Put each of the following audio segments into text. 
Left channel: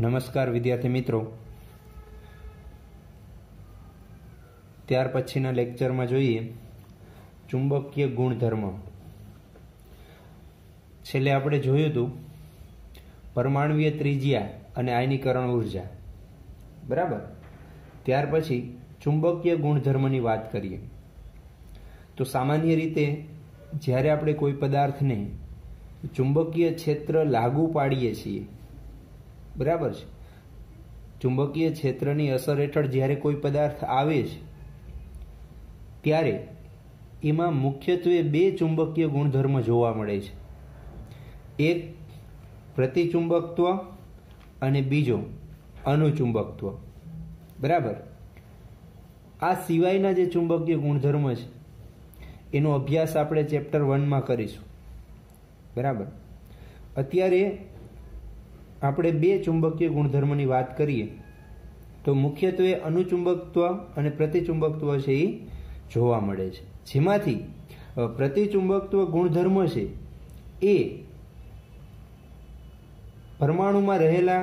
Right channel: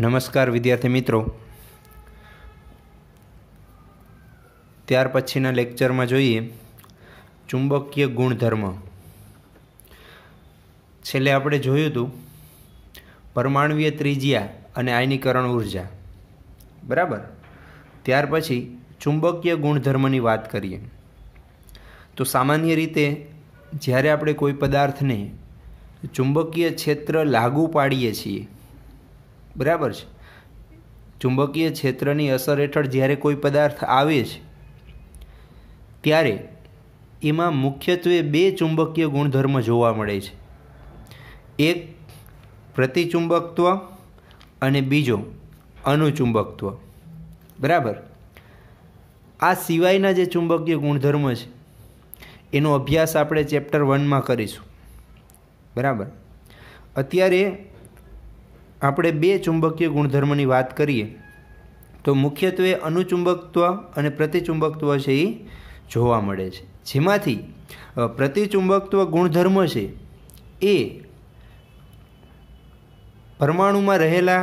નમસ્કાર વિદ્યાર્થી મિત્રો। ત્યાર પછીના લેક્ચરમાં જોઈએ ચુંબકીય ગુણધર્મ। છેલ્લે આપણે જોયું હતું પરમાણુય ત્રિજ્યા અને આયનીકરણ ઉર્જા, બરાબર। ત્યાર પછી ચુંબકીય ગુણધર્મની વાત કરીએ તો સામાન્ય રીતે જ્યારે આપણે કોઈ પદાર્થને ચુંબકીય ક્ષેત્ર લાગુ પાડીએ છીએ, बराबर है। चुंबकीय क्षेत्रनी असर हेठळ ज्यारे कोई पदार्थ आवे छे त्यारे एमां मुख्यत्वे बे चुंबकीय गुणधर्म जोवा मळे छे। एक प्रतिचुंबकत्व अने बीजो अनुचुंबकत्व, बराबर। आ सिवायना जे चुंबकीय गुणधर्म छे एनो अभ्यास आपणे चेप्टर 1 में करीशुं, बराबर। अत्यारे આપણે બે ચુંબકીય ગુણધર્મની વાત કરીએ તો મુખ્યત્વે અનુચુંબકત્વ અને પ્રતિચુંબકત્વ છે એ જોવા મળે છે, જેમાંથી પ્રતિચુંબકત્વ ગુણધર્મ છે એ પરમાણુમાં રહેલા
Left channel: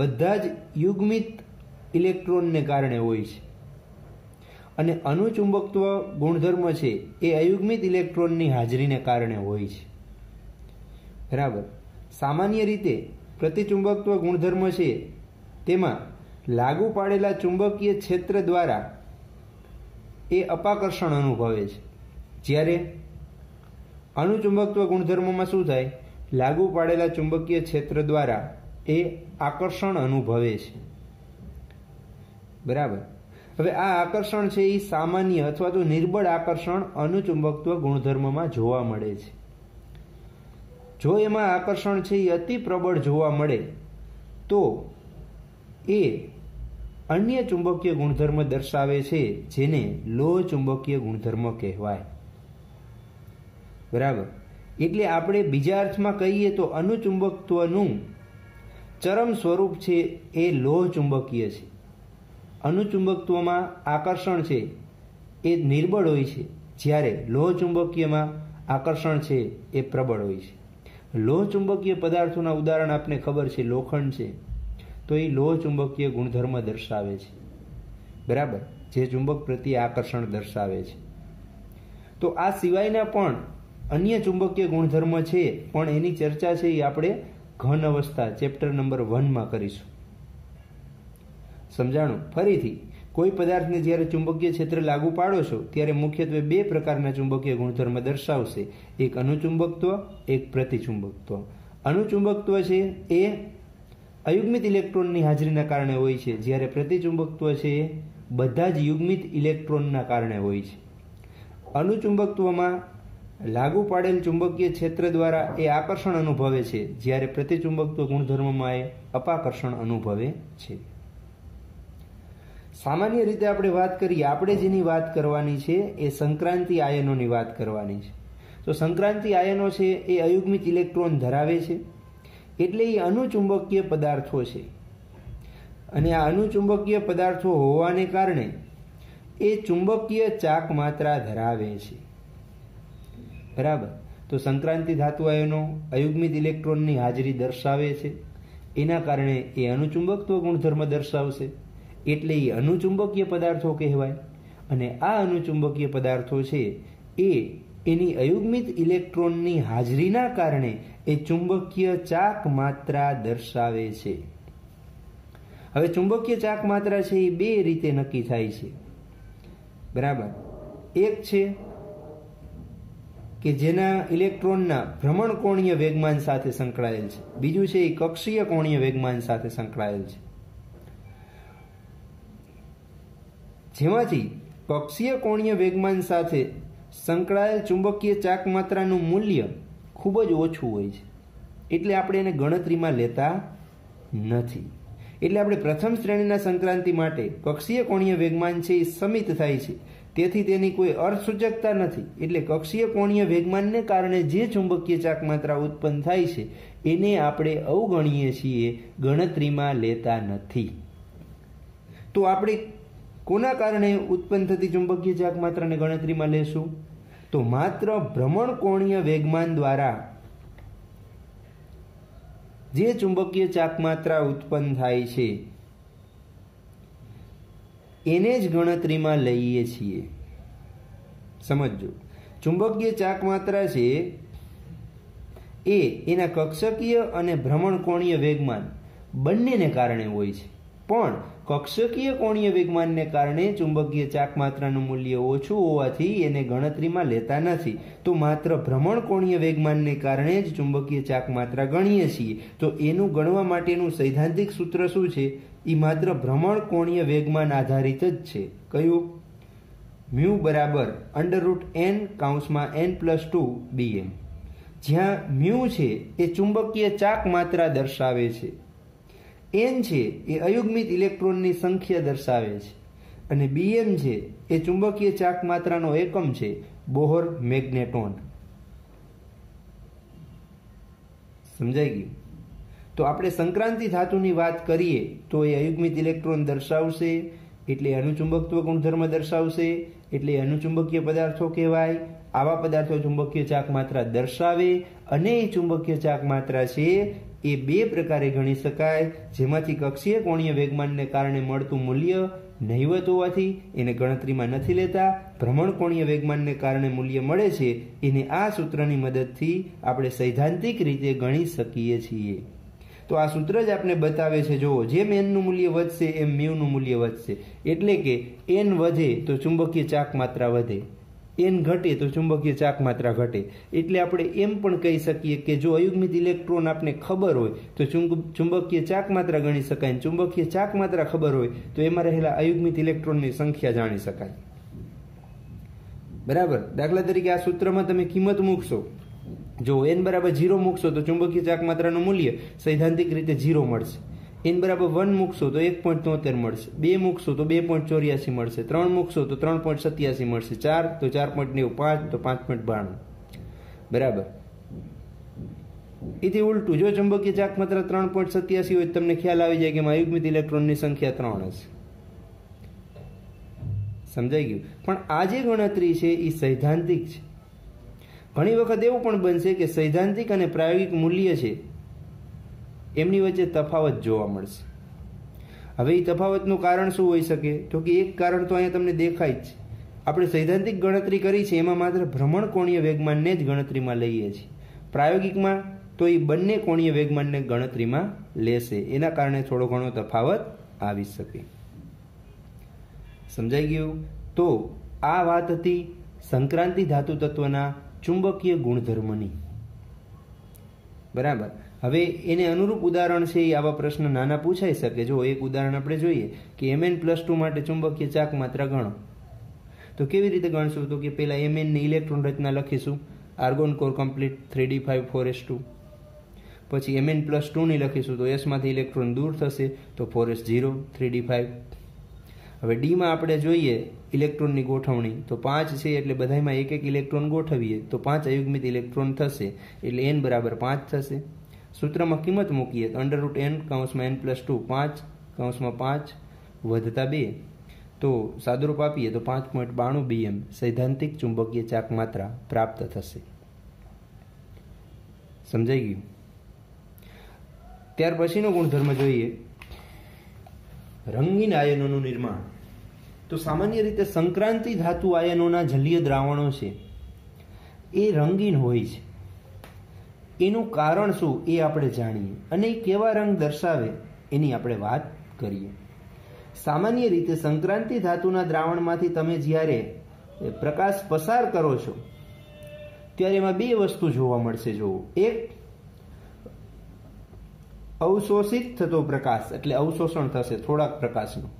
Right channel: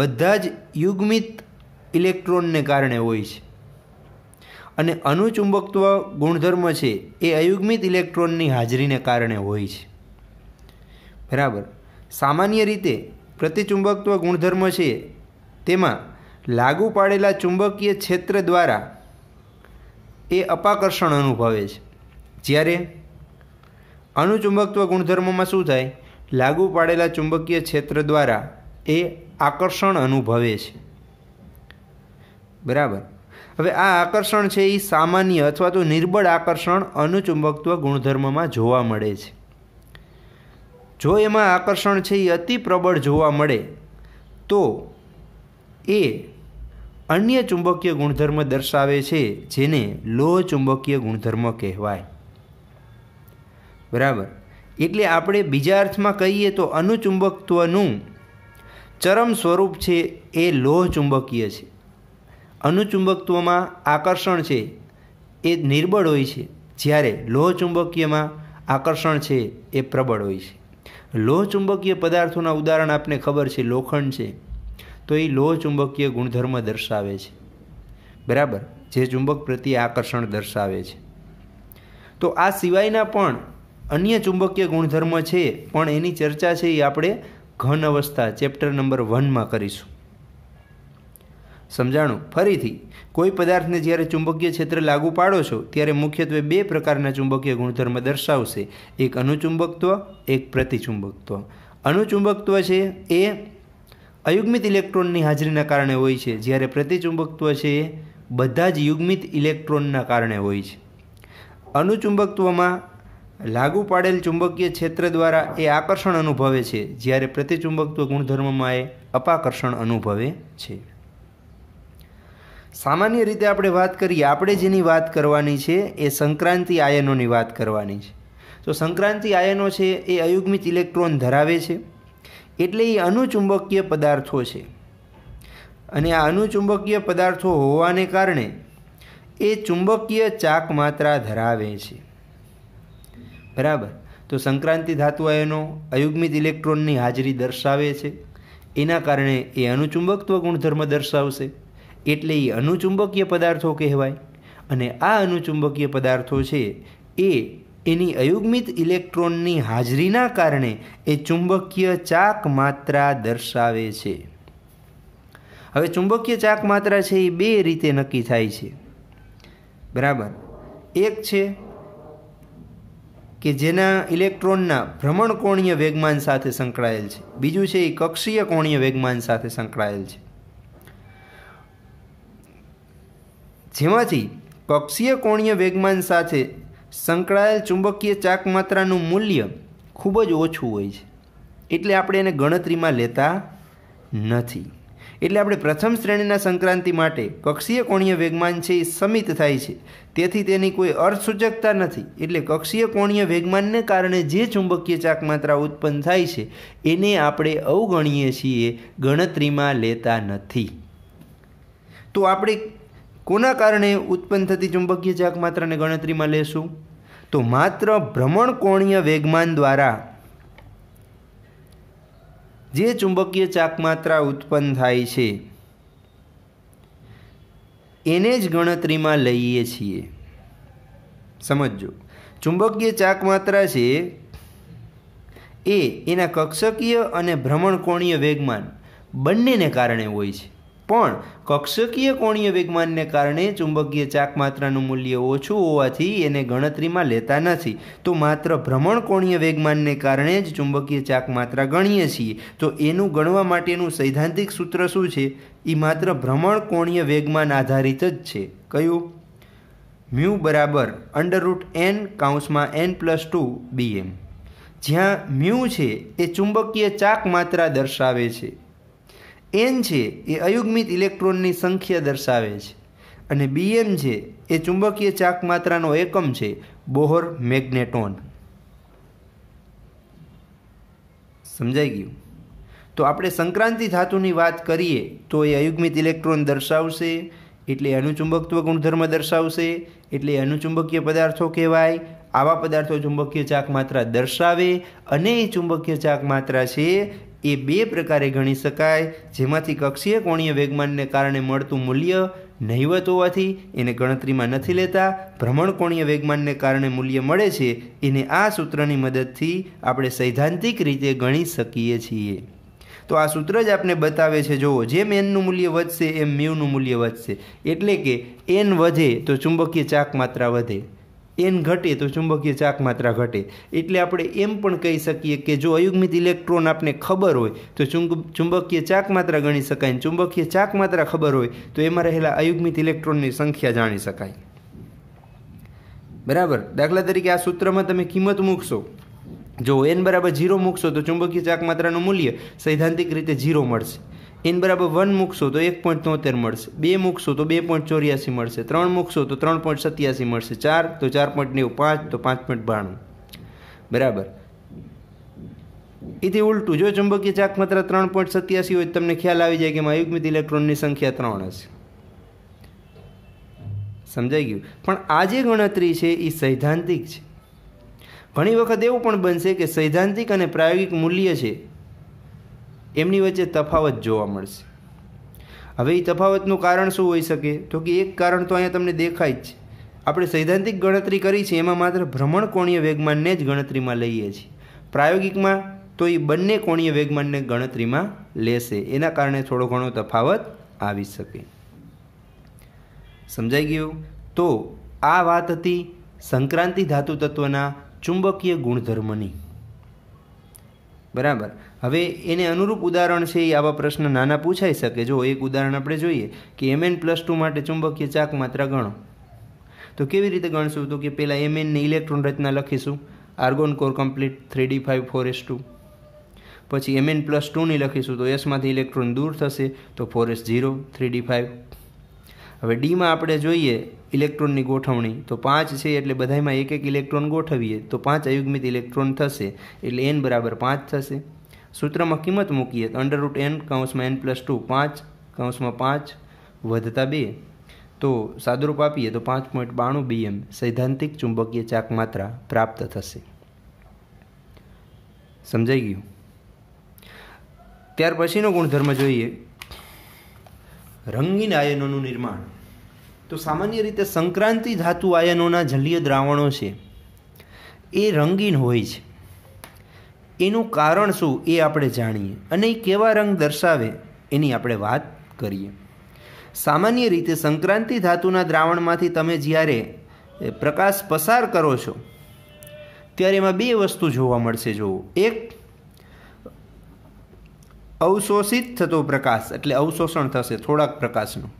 બધા જ યુગ્મિત ઇલેક્ટ્રોનને કારણે હોય છે અને અનુચુંબકત્વ ગુણધર્મ છે એ અયુગ્મિત ઇલેક્ટ્રોનની હાજરીને કારણે હોય છે, બરાબર। सामान्य रीते प्रतिचुंबकत्व गुणधर्म है तेमां लागू पाड़ेला चुंबकीय क्षेत्र द्वारा ए अपाकर्षण अनुभवे छे, ज्यारे अणुचुंबकत्व गुणधर्म में शुं थाय लागू पाड़ेला चुंबकीय क्षेत्र द्वारा ए आकर्षण अनुभवे छे, बराबर। हवे आ आकर्षण छे ए सामान्य अथवा तो निर्बळ आकर्षण अणुचुंबकत्व गुणधर्म में जोवा मळे छे। जो एमां आकर्षण है अति प्रबल जोवा मळे तो ए अन्य चुंबकीय गुणधर्म दर्शावे छे, जेने लोह चुंबकीय गुणधर्म कहेवाय, बराबर। एटले आपणे बीजा अर्थमां कहीए तो अणुचुंबकत्वनुं चरम स्वरूप छे ए लोह चुंबकीय छे। अणुचुंबकत्वमां आकर्षण छे ए निर्बळ होय छे, ज्यारे लोह चुंबकीयमां आकर्षण छे ए प्रबळ होय छे। लोह चुंबकीय पदार्थों उदाहरण आपने खबर है, लोखंड है तो ये लोह चुंबकीय गुणधर्म दर्शावे छे, बराबर, जे चुंबक प्रत्ये आकर्षण दर्शावे छे। तो आ सिवायना पण अन्य चुंबकीय गुणधर्म है, पण एनी चर्चा है ये आपणे घन अवस्था चेप्टर नंबर 1 में करीशुं। समझाणुं फरीथी कोई पदार्थ ने ज्यारे चुंबकीय क्षेत्र लागू पाड़ो छो त्यारे मुख्यत्वे बे प्रकारना चुंबकीय गुणधर्म दर्शावशे, एक अणुचुंबकत्व, एक प्रतिचुंबकत्व। अणुचुंबकत्व छे ए अयुग्मित इलेक्ट्रोननी हाजरीना कारणे होय छे, ज्यारे प्रतिचुंबकत्व छे ए बधा ज युग्मित इलेक्ट्रोनना कारणे होय छे। अणुचुंबकत्वमां लागू पाड़ेल चुंबकीय क्षेत्र द्वारा ए आकर्षण अनुभवे छे, ज्यारे प्रतिचुंबकत्व गुणधर्ममां ए अपाकर्षण अनुभवे छे। सामान्य रीते आपणे वात करीए, आपणे जेनी वात करवानी छे ए संक्रांति आयनोनी वात करवानी छे। तो संक्रांति आयनो छे ए अयुग्मित इलेक्ट्रोन धरावे छे, एटले ए अणुचुंबकीय पदार्थो छे अने आ अणुचुंबकीय पदार्थो होवाने कारणे ए चुंबकीय चाक मात्रा धरावे छे, बराबर। तो संक्रांति धातु आयनो अयुग्मित इलेक्ट्रोननी हाजरी दर्शावे छे, एना कारणे ए अणुचुंबकत्व गुणधर्म दर्शावशे, एटले ए अणुचुंबकीय पदार्थों कहेवाय। अने आ अणुचुंबकीय पदार्थों छे ए एनी अयुग्मित इलेक्ट्रोननी हाजरीना कारणे ए चुंबकीय चाक मात्रा दर्शावे छे। हवे चुंबकीय चाक मात्रा छे ए बे रीते नक्की थाय छे, बराबर। एक छे के जेना इलेक्ट्रोनना भ्रमणकोणीय वेगमान साथे संकळायेल छे, बीजुं छे ए कक्षीय कोणीय वेगमान साथे संकळायेल छे। जेमांथी कक्षीय कोणीय वेगमान साथे संकळायेल चुंबकीय चाक मात्रानुं मूल्य खूब ज ओछुं होय छे, एटले आपणे एने गणतरीमां लेता नथी। एटले आपणे प्रथम श्रेणीना संक्रांति माटे कक्षीय कोणीय वेगमान छे ए समित थाय छे, तेथी तेनी कोई अर्थसूचकता नथी। एटले कक्षीय कोणीय वेगमानने कारणे जे चुंबकीय चाक मात्रा उत्पन्न थाय छे एने आपणे अवगणीए छीए, गणतरीमां लेता नथी। तो आपणे कोना कारणे उत्पन्न थती चुंबकीय चाक मात्रा ने गणतरी में लेशुं तो मात्र भ्रमणकोणीय वेगमान द्वारा જે ચુંબકીય ચાકમાત્રા ઉત્પન્ન થાય છે એને જ ગણતરીમાં લઈએ છીએ. સમજો, ચુંબકીય ચાકમાત્રા છે એ એના કક્ષકીય અને ભ્રમણકોણીય વેગમાન બંનેને કારણે હોય છે. પણ કક્ષકીય કોણીય વેગમાનને કારણે ચુંબકીય ચાકમાત્રાનું મૂલ્ય ઓછું હોવાથી એને ગણતરીમાં લેતા નથી. તો માત્ર ભ્રમણકોણીય વેગમાનને કારણે જ ચુંબકીય ચાકમાત્રા ગણીએ છીએ. તો એનું ગણવા માટેનું સૈદ્ધાંતિક સૂત્ર શું છે? એ માત્ર ભ્રમણકોણીય વેગમાન આધારિત જ છે. કયું? મ્યુ બરાબર √n(n+2 bm). જ્યાં મ્યુ છે એ ચુંબકીય ચાકમાત્રા દર્શાવે છે, n છે એ અયુગ્મિત ઇલેક્ટ્રોનની સંખ્યા દર્શાવે છે, અને bm છે એ ચુંબકીય ચાકમાત્રાનો એકમ છે, બોહર મેગ્નેટોન. સમજાઈ ગયું? તો આપણે સંક્રાંતિ ધાતુની વાત કરીએ તો એ અયુગ્મિત ઇલેક્ટ્રોન દર્શાવશે, એટલે અનુચુંબકત્વ ગુણધર્મ દર્શાવશે, એટલે અનુચુંબકીય પદાર્થો કહેવાય. આવા પદાર્થો ચુંબકીય ચાકમાત્રા દર્શાવે, અને એ ચુંબકીય ચાકમાત્રા છે એ બે પ્રકારે ગણી શકાય. જેમાંથી કક્ષીય કોણીય વેગમાનને કારણે મળતું મૂલ્ય નહિવત હોવાથી એને ગણતરીમાં નથી લેતા. ભ્રમણકોણીય વેગમાનને કારણે મૂલ્ય મળે છે, એને આ સૂત્રની મદદથી આપણે સૈદ્ધાંતિક રીતે ગણી શકીએ છીએ. તો આ સૂત્ર જ આપણે બતાવે છે. જુઓ, જેમ એનનું મૂલ્ય વધશે એમ મ્યુનું મૂલ્ય વધશે. એટલે કે એન વધે તો ચુંબકીય ચાકમાત્રા વધે, એન ઘટે તો ચુંબકીય ચાકમાત્રા ઘટે. એટલે આપણે એમ પણ કહી શકીએ કે જો અયુગ્મિત ઇલેક્ટ્રોન આપને ખબર હોય તો ચુંબકીય ચાકમાત્રા ગણી શકાય, અને ચુંબકીય ચાકમાત્રા ખબર હોય તો એમાં રહેલા અયુગ્મિત ઇલેક્ટ્રોનની સંખ્યા જાણી શકાય. બરાબર? દાખલા તરીકે આ સૂત્રમાં તમે કિંમત મૂકશો, જો n બરાબર 0 મૂકશો તો ચુંબકીય ચાકમાત્રાનું મૂલ્ય સૈદ્ધાંતિક રીતે 0 મળશે. n બરાબર 1 મૂકશો તો 1.73 મળશે, 2 મૂકશો તો 2.84 મળશે, 3 મૂકશો તો 3.87 મળશે, 4 તો 4.90, 5 તો 5.92. બરાબર? એથી ઉલટું, જો ચુંબકીય ચાકમાત્રા 3.87 હોય તમને ખ્યાલ આવી જાય કે એમાં અયુગ્મિત ઇલેક્ટ્રોનની સંખ્યા 3 હશે. સમજાઈ ગયું? પણ આ જે ગણતરી છે એ સૈદ્ધાંતિક છે. ઘણી વખત એવું પણ બનશે કે સૈદ્ધાંતિક અને પ્રાયોગિક મૂલ્ય છે એમની વચ્ચે તફાવત જોવા મળશે. હવે એ તફાવતનું કારણ શું હોઈ શકે? તો કે એક કારણ તો અહીંયા તમને દેખાય જ છે. આપણે સૈદ્ધાંતિક ગણતરી કરી છે એમાં માત્ર ભ્રમણકોણીય વેગમાનને જ ગણતરીમાં લઈએ છીએ. પ્રાયોગિકમાં તો એ બંને કોણીય વેગમાનને ગણતરીમાં લેશે. એના કારણે થોડો ઘણો તફાવત આવી શકે. સમજાઈ ગયું? તો આ વાત હતી સંક્રાંતિ ધાતુ તત્વના ચુંબકીય ગુણધર્મની. બરાબર? હવે એને અનુરૂપ ઉદાહરણ છે એ આવા પ્રશ્ન નાના પૂછાઈ શકે. જો એક ઉદાહરણ આપણે જોઈએ કે Mn+2 માટે ચુંબકીય ચાકમાત્રા ગણો. તો કેવી રીતે ગણશું? તો કે પહેલાં Mn ની ઇલેક્ટ્રોન રચના લખીશું, argon core complete 3d5 4s2. પછી Mn+2 ની લખીશું તો sમાંથી ઇલેક્ટ્રોન દૂર થશે તો 4s0 3d5. હવે ડીમાં આપણે જોઈએ ઇલેક્ટ્રોનની ગોઠવણી તો 5 છે, એટલે બધામાં એક એક ઇલેક્ટ્રોન ગોઠવીએ તો 5 અયુગ્મિત ઇલેક્ટ્રોન થશે, એટલે n બરાબર 5 થશે. સૂત્રમાં કિંમત મૂકીએ તો √n(n+2) 5 વધતા 2, તો સાદુરૂપ આપીએ તો 5.92 bm સૈદ્ધાંતિક ચુંબકીય ચાકમાત્રા પ્રાપ્ત થશે. સમજાઈ ગયું? ત્યાર પછીનો ગુણધર્મ જોઈએ, રંગીન આયનોનું નિર્માણ. તો સામાન્ય રીતે સંક્રાંતિ ધાતુ આયનોના જલીય દ્રાવણો છે એ રંગીન હોય છે. એનું કારણ શું એ આપણે જાણીએ, અને એ કેવા રંગ દર્શાવે એની આપણે વાત કરીએ. સામાન્ય રીતે સંક્રાંતિ ધાતુના દ્રાવણમાંથી તમે જ્યારે પ્રકાશ પસાર કરો છો ત્યારે એમાં બે વસ્તુ જોવા મળશે. જુઓ, એક અવશોષિત થતો પ્રકાશ, એટલે અવશોષણ થશે થોડાક પ્રકાશનું,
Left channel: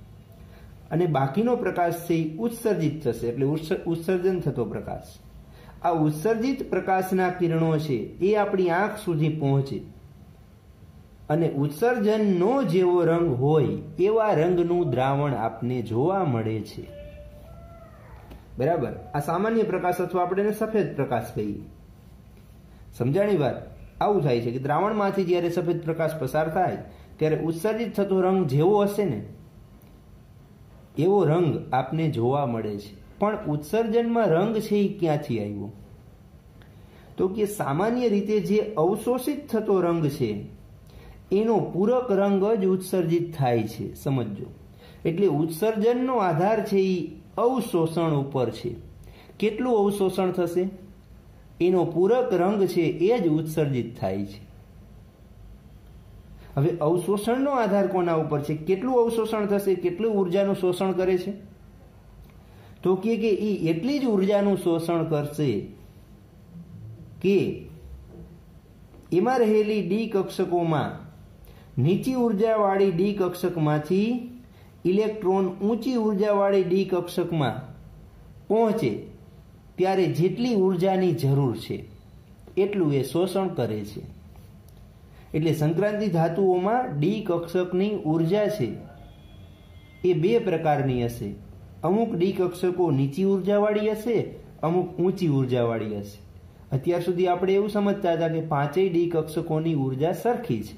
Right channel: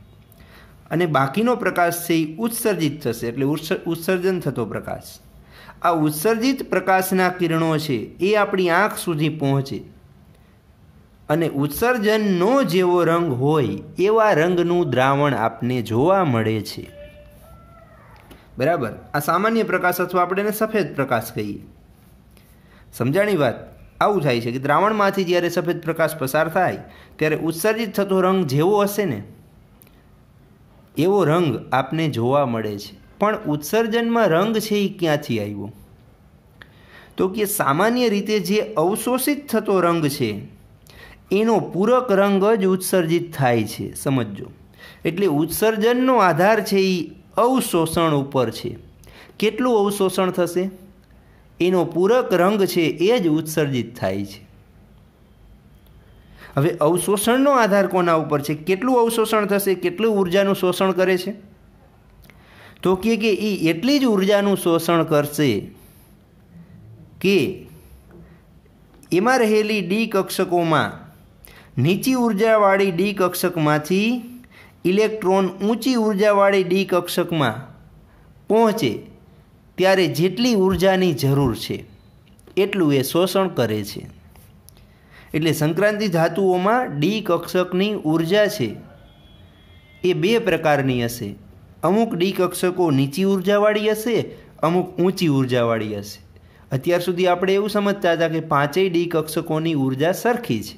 અને બાકીનો પ્રકાશ છે એ ઉત્સર્જિત થશે, એટલે ઉત્સર્જન થતો પ્રકાશ. આ ઉત્સર્જિત પ્રકાશના કિરણો છે એ આપણી આંખ સુધી પહોંચે અને ઉત્સર્જનનો જેવો રંગ હોય એવા રંગનું દ્રાવણ આપને જોવા મળે છે. બરાબર? આ સામાન્ય પ્રકાશ અથવા આપણે એને સફેદ પ્રકાશ કહીએ. સમજાણી વાત? આવું થાય છે કે દ્રાવણમાંથી જ્યારે સફેદ પ્રકાશ પસાર થાય ત્યારે ઉત્સર્જિત થતો રંગ જેવો હશે ને એવો રંગ આપને જોવા મળે છે. પણ ઉત્સર્જનમાં રંગ છે એ ક્યાંથી આવ્યો? તો કે સામાન્ય રીતે જે અવશોષિત થતો રંગ છે એનો પૂરક રંગ જ ઉત્સર્જિત થાય છે। સમજો, એટલે ઉત્સર્જનનો આધાર છે એ અવશોષણ ઉપર છે। કેટલું અવશોષણ થશે? એનો પૂરક રંગ છે એ જ ઉત્સર્જિત થાય છે। હવે અવશોષણનો આધાર કોના ઉપર છે? કેટલું અવશોષણ થશે, કેટલું ઉર્જાનું શોષણ કરે છે? તો કે એ એટલી જ ઉર્જાનું શોષણ કરશે કે એમાં રહેલી ડી કક્ષકોમાં નીચી ઉર્જાવાળી ડી કક્ષકમાંથી ઇલેક્ટ્રોન ઊંચી ઉર્જાવાળી ડી કક્ષકમાં પહોંચે ત્યારે જેટલી ઉર્જાની જરૂર છે એટલું એ શોષણ કરે છે। એટલે સંક્રાંતિ ધાતુઓમાં ડી કક્ષકની ઉર્જા છે એ બે પ્રકારની હશે। અમુક ડી કક્ષકો નીચી ઉર્જાવાળી હશે, અમુક ઊંચી ઉર્જાવાળી હશે। અત્યાર સુધી આપણે એવું સમજતા હતા કે પાંચેય ડી કક્ષકોની ઉર્જા સરખી છે।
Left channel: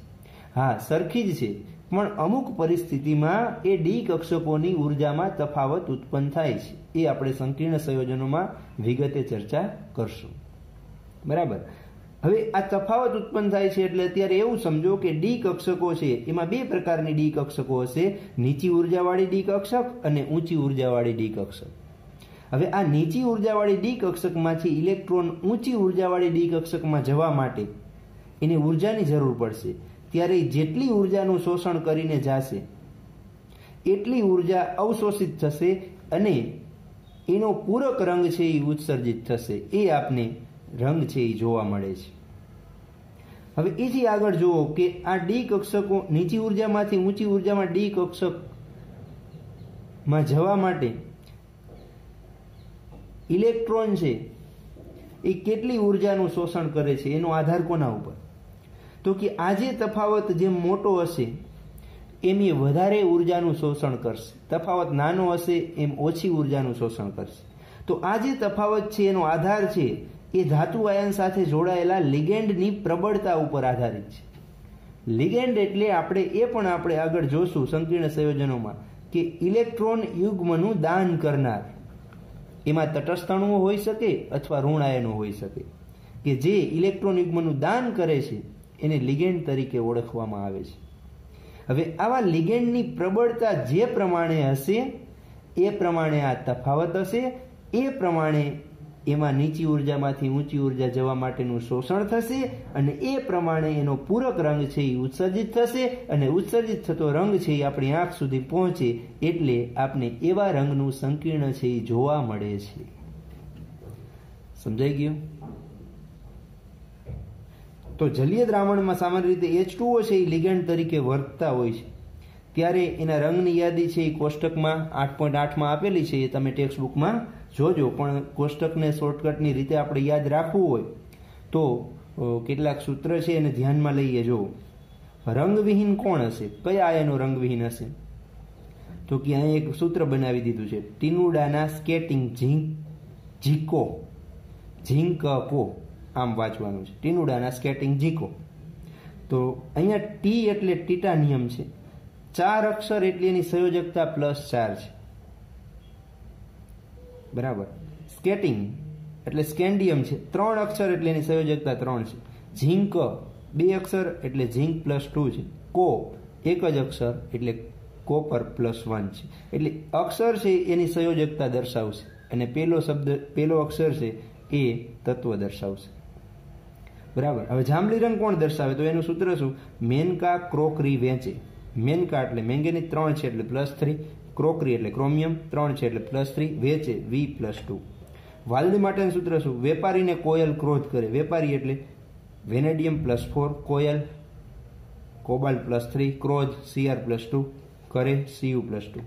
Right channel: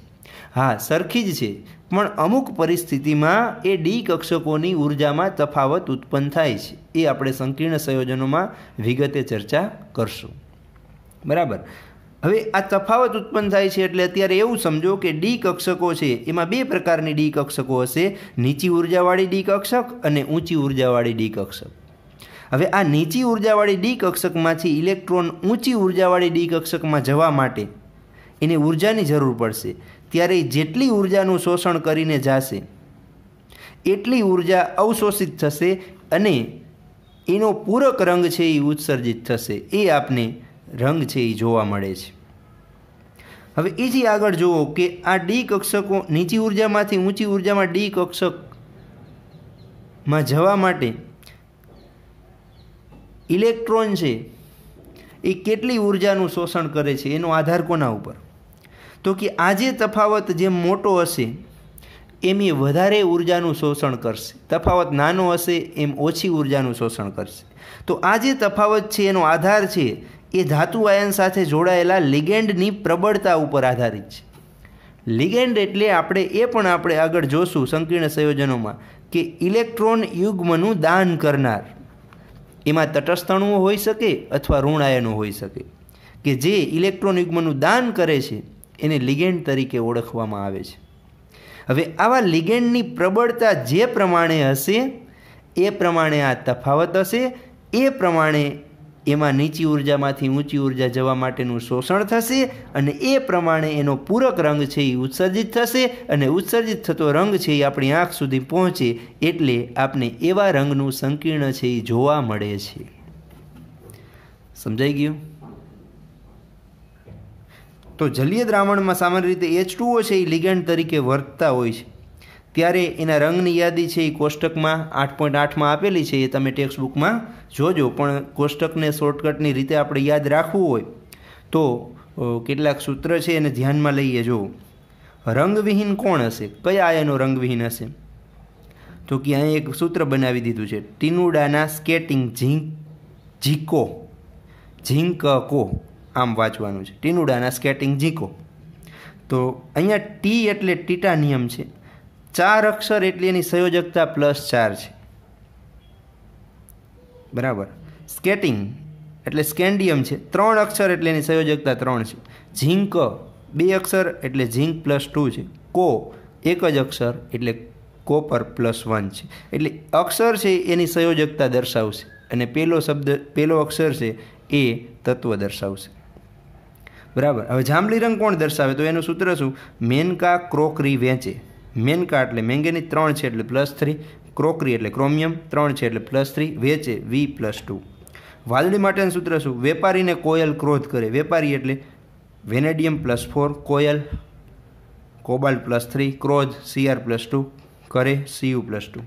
હા, સરખી જ છે, પણ અમુક પરિસ્થિતિમાં એ ડી કક્ષકોની ઉર્જામાં તફાવત ઉત્પન્ન થાય છે। એ આપણે સંકીર્ણ સંયોજનોમાં વિગતે ચર્ચા કરશું, બરાબર। હવે આ તફાવત ઉત્પન્ન થાય છે એટલે અત્યારે એવું સમજો કે ડી કક્ષકો છે એમાં બે પ્રકારની ડી કક્ષકો હશે, નીચી ઉર્જાવાળી ડી કક્ષક અને ઊંચી ઉર્જાવાળી ડી કક્ષક। હવે આ નીચી ઉર્જાવાળી ડી કક્ષકમાંથી ઇલેક્ટ્રોન ઊંચી ઉર્જાવાળી ડી કક્ષકમાં જવા માટે એને ઉર્જાની જરૂર પડશે, ત્યારે જેટલી ઉર્જાનું શોષણ કરીને જશે એટલી ઉર્જા અવશોષિત થશે અને એનો પૂરક રંગ છે એ ઉત્સર્જિત થશે। એ આપને રંગ છે એ જોવા મળે છે। હવે એથી આગળ જુઓ કે આ ડી કક્ષકો નીચી ઉર્જામાંથી ઊંચી ઉર્જામાં ડી કક્ષકમાં જવા માટે ઇલેક્ટ્રોન છે એ કેટલી ઉર્જાનું શોષણ કરે છે એનો આધાર કોના ઉપર? તો કે આ જે તફાવત જેમ મોટો હશે એમ એ વધારે ઉર્જાનું શોષણ કરશે, તફાવત નાનો હશે એમ ઓછી ઉર્જાનું શોષણ કરશે। તો આ જે તફાવત છે એનો આધાર છે એ ધાતુ આયન સાથે જોડાયેલા લિગેન્ડની પ્રબળતા ઉપર આધારિત છે। લિગેન્ડ એટલે આપણે આગળ જોશું સંકીર્ણ સંયોજનોમાં કે ઇલેક્ટ્રોન યુગ્મનું દાન કરનાર। એમાં તટસ્થ અણુઓ હોઈ શકે અથવા ઋણ આયનો હોઈ શકે કે જે ઇલેક્ટ્રોન યુગ્મનું દાન કરે છે એને લિગેન્ડ તરીકે ઓળખવામાં આવે છે। હવે આવા લિગેન્ડની પ્રબળતા જે પ્રમાણે હશે એ પ્રમાણે આ તફાવત હશે, એ પ્રમાણે એમાં નીચી ઉર્જામાંથી ઊંચી ઉર્જા જવા માટેનું શોષણ થશે અને એ પ્રમાણે એનો પૂરક રંગ છે એ ઉત્સર્જિત થશે અને ઉત્સર્જિત થતો રંગ છે એ આપણી આંખ સુધી પહોંચે એટલે આપને એવા રંગનું સંકીર્ણ છે એ જોવા મળે છે। સમજાઈ ગયું? તો જલીય દ્રાવણમાં સામાન્ય રીતે H2O છે એ લિગેન્ડ તરીકે વર્તતા હોય છે, ત્યારે એના રંગની યાદી છે એ કોષ્ટકમાં 8.8માં આપેલી છે, એ તમે ટેક્સ્ટ બુકમાં જોજો। પણ કોષ્ટકને શોર્ટકટની રીતે આપણે યાદ રાખવું હોય તો કેટલાક સૂત્ર છે એને ધ્યાનમાં લઈએ। જો રંગવિહીન કોણ હશે, કયા આયનો રંગવિહીન હશે? તો કે અહીં એક સૂત્ર બનાવી દીધું છે, ટીનુડાના સ્કેટિંગ ઝીકો આમ વાંચવાનું છે, ટીનુડાના સ્કેટિંગ ઝીકો। તો અહીંયા ટી એટલે ટિટાનિયમ છે, 4 અક્ષર એટલે એની સંયોજકતા +4 છે, બરાબર। સ્કેટિંગ એટલે સ્કેન્ડિયમ છે, 3 અક્ષર એટલે એની સંયોજકતા 3 છે। ઝીંક 2 અક્ષર એટલે ઝીંક +2 છે। કો 1 જ અક્ષર એટલે કોપર +1 છે। એટલે અક્ષર છે એની સંયોજકતા દર્શાવશે અને પહેલો અક્ષર છે એ તત્વ દર્શાવશે, બરાબર। હવે જાંબલી રંગ કોણ દર્શાવે? તો એનું સૂત્ર શું? મેનકા ક્રોકરી વેચે। મેનકા એટલે મેંગેનીઝ 3 છે એટલે +3, ક્રોકરી એટલે ક્રોમિયમ 3 છે એટલે +3, વેચે V+2। વાદળી માટેનું સૂત્ર શું? વેપારીને કોયલ ક્રોધ કરે। વેપારી એટલે વેનેડિયમ +4, કોયલ કોબાલ્ટ +3, ક્રોધ Cr+2, કરે Cu+2।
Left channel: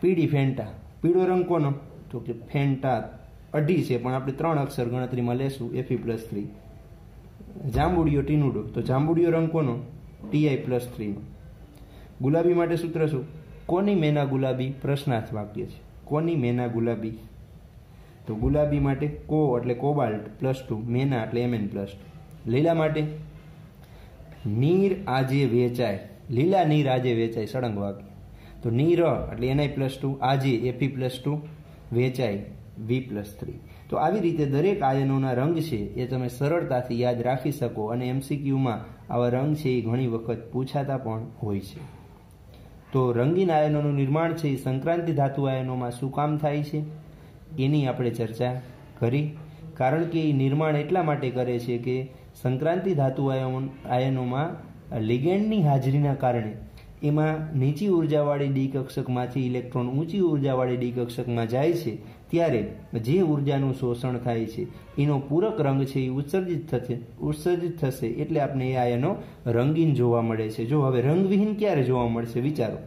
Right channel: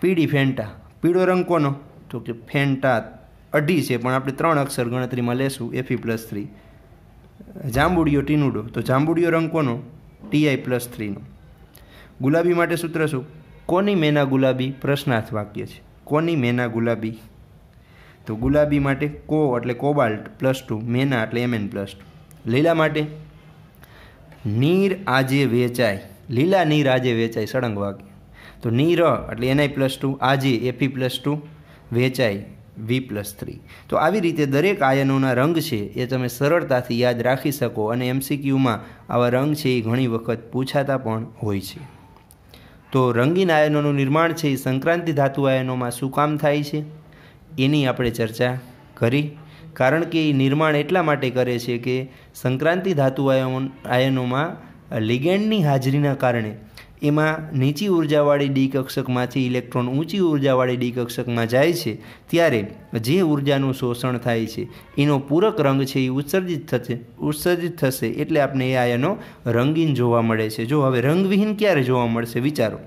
પીળી ફેન્ટા, પીળો રંગ કોનો? તો કે ફેન્ટા 2 છે પણ આપણે 3 અક્ષર ગણતરીમાં લેશું, Fe+3। જાંબુડિયો ટીનુડો, તો જાંબુડિયો રંગ કોનો? Ti+3 નો। ગુલાબી માટે સૂત્ર શું? કોની મેના ગુલાબી? પ્રશ્નાર્થ વાક્ય છે, કોની મેના ગુલાબી? તો ગુલાબી માટે કો એટલે કોબાલ્ટ +2, મેના એટલે Mn+2। લીલા માટે નીર આજે વેચાય, લીલા નીર આજે વેચાય, સળંગ વાક્ય। તો નીર એટલે Ni+2, આજે Fe+2, વેચાય V+3। તો આવી રીતે દરેક આયનોના રંગ છે એ તમે સરળતાથી યાદ રાખી શકો અને MCQમાં આવા રંગ છે એ ઘણી વખત પૂછાતા પણ હોય છે। તો રંગીન આયનોનું નિર્માણ છે એ સંક્રાંતિ ધાતુ આયનોમાં શું કામ થાય છે એની આપણે ચર્ચા કરી, કારણ કે એ નિર્માણ એટલા માટે કરે છે કે સંક્રાંતિ ધાતુ આયનોમાં લિગેન્ડની હાજરીના કારણે એમાં નીચી ઉર્જાવાળી ડી કક્ષકમાંથી ઇલેક્ટ્રોન ઊંચી ઉર્જાવાળી ડી કક્ષકમાં જાય છે ત્યારે જે ઉર્જાનું શોષણ થાય છે એનો પૂરક રંગ છે એ ઉત્સર્જિત થશે એટલે આપણે એ આયનો રંગીન જોવા મળે છે। જો હવે રંગવિહીન ક્યારે જોવા મળશે વિચારો,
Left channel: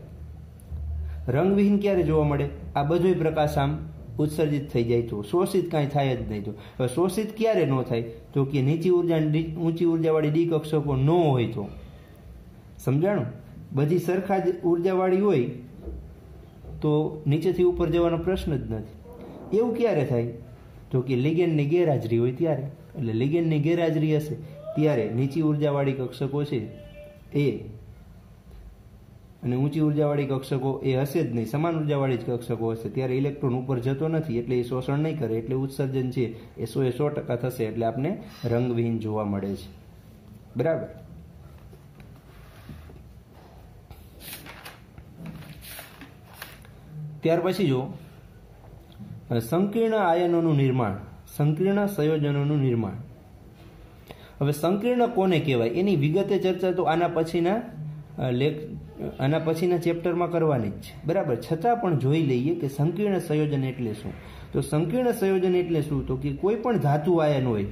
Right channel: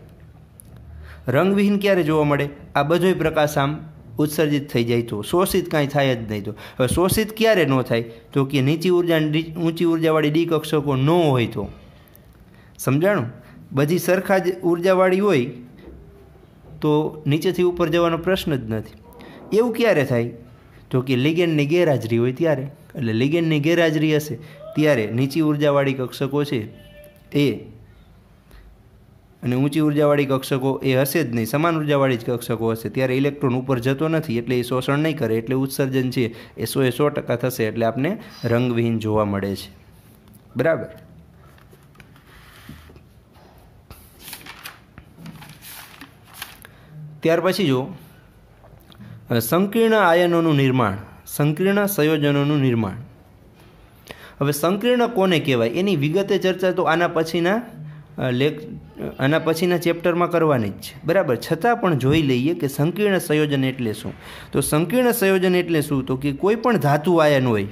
રંગવિહીન ક્યારે જોવા મળે? આ બધોય પ્રકાશ આમ ઉત્સર્જિત થઈ જાય તો, શોષિત કાંઈ થાય જ નહીં। તો હવે શોષિત ક્યારે ન થાય? તો કે નીચી ઊંચી ઉર્જાવાળી ડી કક્ષકો ન હોય તો। સમજાણું? બધી સરખા જ ઉર્જાવાળી હોય તો નીચેથી ઉપર જવાનો પ્રશ્ન જ નથી। એવું ક્યારે થાય? તો કે લિગેન્ડની ગેરહાજરી હોય ત્યારે, એટલે લિગેન્ડની ગેરહાજરી હશે ત્યારે નીચી ઉર્જાવાળી કક્ષકો છે એ અને ઊંચી ઉર્જાવાળી કક્ષકો એ હશે જ નહીં, સમાન ઉર્જાવાળી જ કક્ષકો હશે ત્યારે ઇલેક્ટ્રોન ઉપર જતો નથી એટલે એ શોષણ નહીં કરે એટલે ઉત્સર્જન છે એ 100% થશે એટલે આપણે રંગવિહીન જોવા મળે છે। બરાબર। ત્યાર પછી જો સંકીર્ણ આયનોનું નિર્માણ, સંકીર્ણ સંયોજનોનું નિર્માણ। હવે સંકીર્ણ કોને કહેવાય એની વિગતે ચર્ચા તો આના પછીના ચેપ્ટરમાં કરવાની જ છે, બરાબર। છતાં પણ જોઈ લઈએ કે સંકીર્ણ સંયોજન એટલે શું। તો સંકીર્ણ સંયોજન એટલે શું? તો કે કોઈ પણ ધાતુ આયન હોય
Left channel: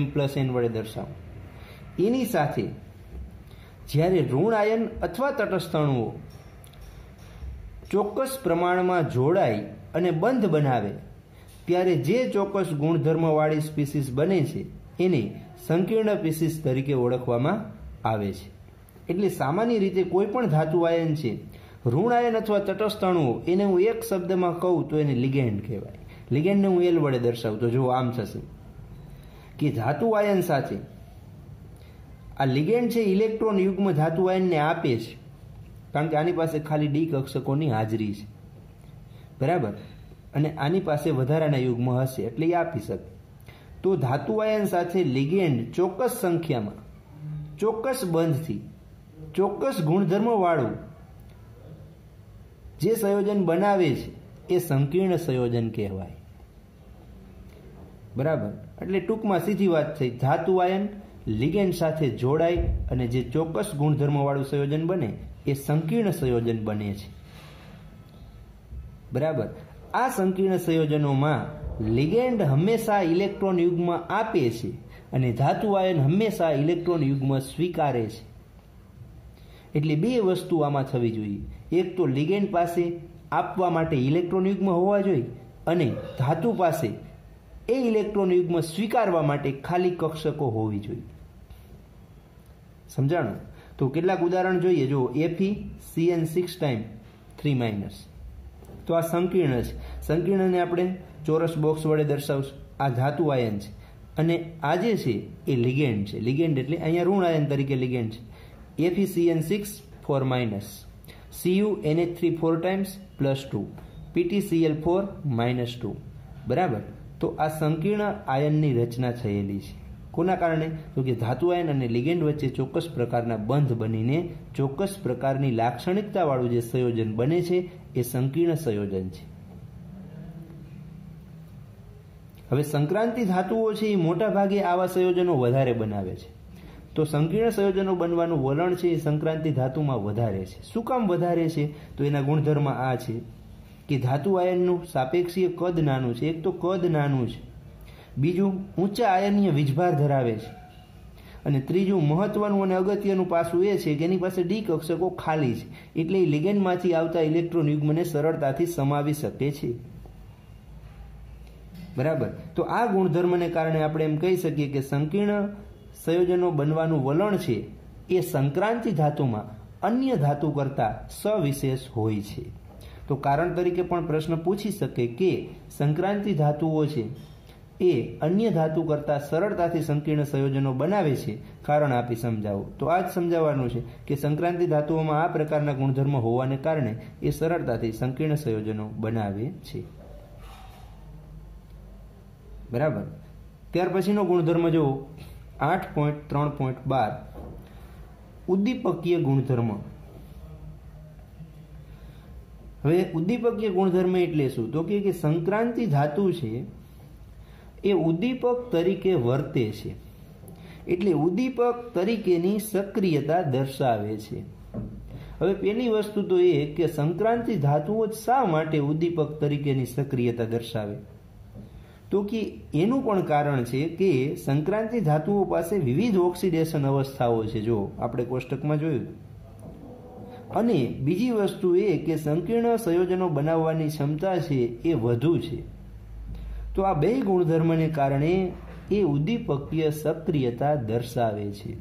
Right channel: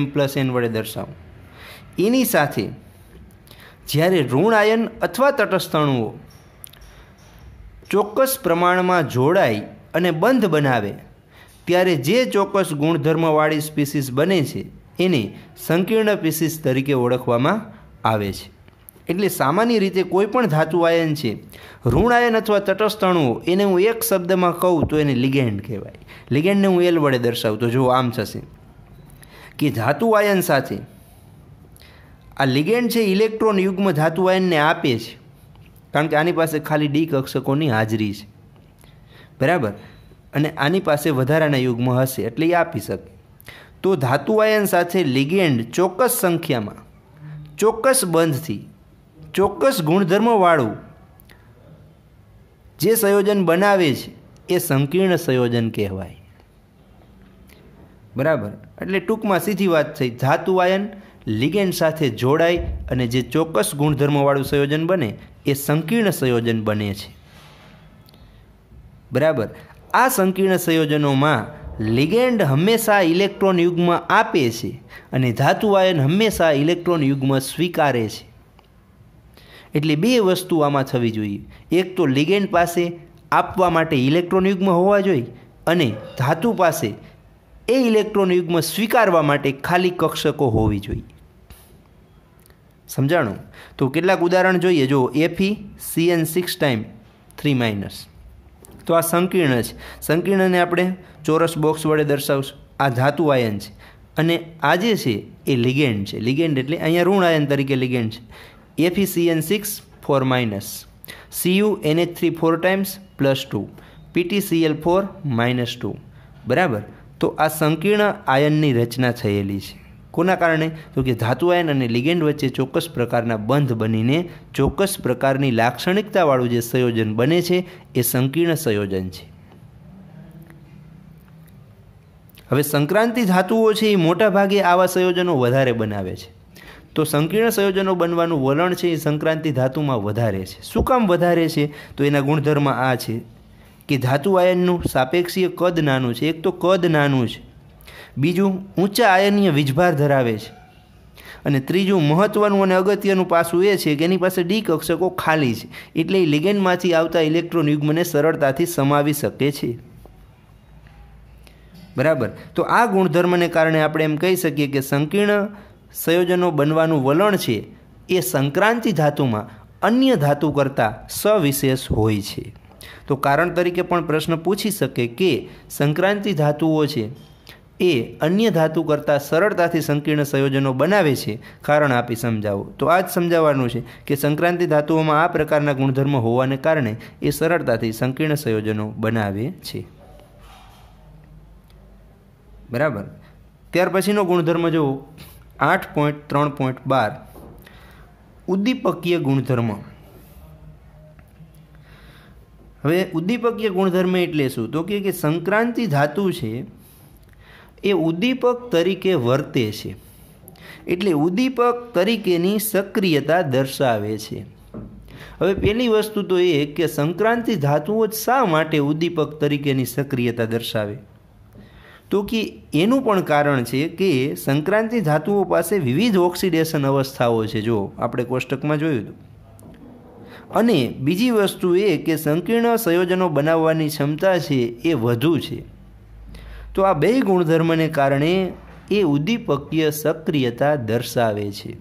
M+N વડે દર્શાવો, એની સાથે જ્યારે ઋણ આયન અથવા તટસ્થ અણુઓ ચોક્કસ પ્રમાણમાં જોડાય અને બંધ બનાવે ત્યારે જે ચોક્કસ ગુણધર્મવાળી સ્પીસીસ બને છે એને સંકીર્ણ સ્પીસીસ તરીકે ઓળખવામાં આવે છે। એટલે સામાન્ય રીતે કોઈ પણ ધાતુ આયન છે, ઋણ આયન અથવા તટસ્થ અણુઓ, એને હું એક શબ્દમાં કહું તો એને લિગેન્ડ કહેવાય। લિગેન્ડને હું L વડે દર્શાવું તો જો આમ થશે કે ધાતુ આયન સાથે આ લિગેન્ડ છે ઇલેક્ટ્રોન યુગ્મ ધાતુ આયનને આપે છે, કારણ કે આની પાસે ખાલી ડી કક્ષકોની હાજરી છે, બરાબર, અને આની પાસે વધારાના યુગ્મ હશે એટલે એ આપી શકે। તો ધાતુ આયન સાથે લિગેન્ડ ચોક્કસ સંખ્યામાં ચોક્કસ બંધથી ચોક્કસ ગુણધર્મવાળું જે સંયોજન બનાવે છે એ સંકીર્ણ સંયોજન કહેવાય, બરાબર। એટલે ટૂંકમાં સીધી વાત થઈ, ધાતુ આયન લિગેન્ડ સાથે જોડાય અને જે ચોક્કસ ગુણધર્મવાળું સંયોજન બને એ સંકીર્ણ સંયોજન બને છે, બરાબર। આ સંકીર્ણ સંયોજનોમાં લિગેન્ડ હંમેશા ઇલેક્ટ્રોન યુગ્મ આપે છે અને ધાતુ આયન હંમેશા ઇલેક્ટ્રોન યુગ્મ સ્વીકારે છે। એટલે બે વસ્તુ આમાં થવી જોઈએ, એક તો લિગેન્ડ પાસે આપવા માટે ઇલેક્ટ્રોન યુગ્મ હોવા જોઈએ અને ધાતુ પાસે એ ઇલેક્ટ્રોન યુગ્મ સ્વીકારવા માટે ખાલી કક્ષકો હોવી જોઈએ। સમજાણું? તો કેટલાક ઉદાહરણ જોઈએ। જો FeCN6 ટાઈમ 3- તો આ સંકીર્ણ છે, સંકીર્ણને આપણે ચોરસ બોક્સ વડે દર્શાવશું। આ ધાતુ આયન છે અને આ જે છે એ લિગેન્ડ છે, લિગેન્ડ એટલે અહીંયા ઋણ આયન તરીકે લિગેન્ડ છે। FeCN6 4-, CuNH3 4 ટાઈમ્સ +2, PtCl4 -2, બરાબર। તો આ સંકીર્ણ આયનની રચના થયેલી છે, કોના કારણે? તો કે ધાતુ આયન અને લિગેન્ડ વચ્ચે ચોક્કસ પ્રકારના બંધ બનીને ચોક્કસ પ્રકારની લાક્ષણિકતાવાળું જે સંયોજન બને છે એ સંકીર્ણ સંયોજન છે। હવે સંક્રાંતિ ધાતુઓ છે એ મોટા ભાગે આવા સંયોજનો વધારે બનાવે છે। તો સંકીર્ણ સંયોજનો બનવાનું વલણ છે એ સંક્રાંતિ ધાતુમાં વધારે છે। શું કામ વધારે છે? તો એના ગુણધર્મ આ છે કે ધાતુ આયનનું સાપેક્ષીય કદ નાનું છે, એક તો કદ નાનું છે, બીજું ઊંચા આયનીય વીજભાર ધરાવે છે અને ત્રીજું મહત્ત્વનું અને અગત્યનું પાસું એ છે કે એની પાસે ડી કક્ષકો ખાલી છે એટલે એ લિગેન્ડમાંથી આવતા ઇલેક્ટ્રોન યુગ્મને સરળતાથી સમાવી શકે છે, બરાબર। તો આ ગુણધર્મને કારણે આપણે એમ કહી શકીએ કે સંકીર્ણ સંયોજનો બનવાનું વલણ છે એ સંક્રાંતિ ધાતુમાં અન્ય ધાતુ કરતાં સવિશેષ હોય છે। તો કારણ તરીકે પણ પ્રશ્ન પૂછી શકે કે સંક્રાંતિ ધાતુઓ છે એ અન્ય ધાતુ કરતાં સરળતાથી સંકીર્ણ સંયોજનો બનાવે છે, કારણ આપી સમજાવો। તો આ જ સમજાવવાનું છે કે સંક્રાંતિ ધાતુઓમાં આ પ્રકારના ગુણધર્મ હોવાને કારણે એ સરળતાથી સંકીર્ણ સંયોજનો બનાવે છે। બરાબર. ત્યાર પછીનો ગુણધર્મ જુઓ 8.3.12 ઉદ્દીપકીય ગુણધર્મ. હવે ઉદ્દીપકીય ગુણધર્મ એટલે શું? તો કે સંક્રાંતિ ધાતુ છે એ ઉદ્દીપક તરીકે વર્તે છે, એટલે ઉદ્દીપક તરીકેની સક્રિયતા દર્શાવે છે. હવે પહેલી વસ્તુ તો એ કે સંક્રાંતિ ધાતુઓ જ શા માટે ઉદ્દીપક તરીકેની સક્રિયતા દર્શાવે? તો કે એનું પણ કારણ છે કે સંક્રાંતિ ધાતુઓ પાસે વિવિધ ઓક્સિડેશન અવસ્થાઓ છે, જો આપણે કોષ્ટકમાં જોયું હતું. અને બીજી વસ્તુ એ કે સંકીર્ણ સંયોજનો બનાવવાની ક્ષમતા છે એ વધુ છે. તો આ બે ગુણધર્મને કારણે એ ઉદ્દીપકીય સક્રિયતા દર્શાવે છે.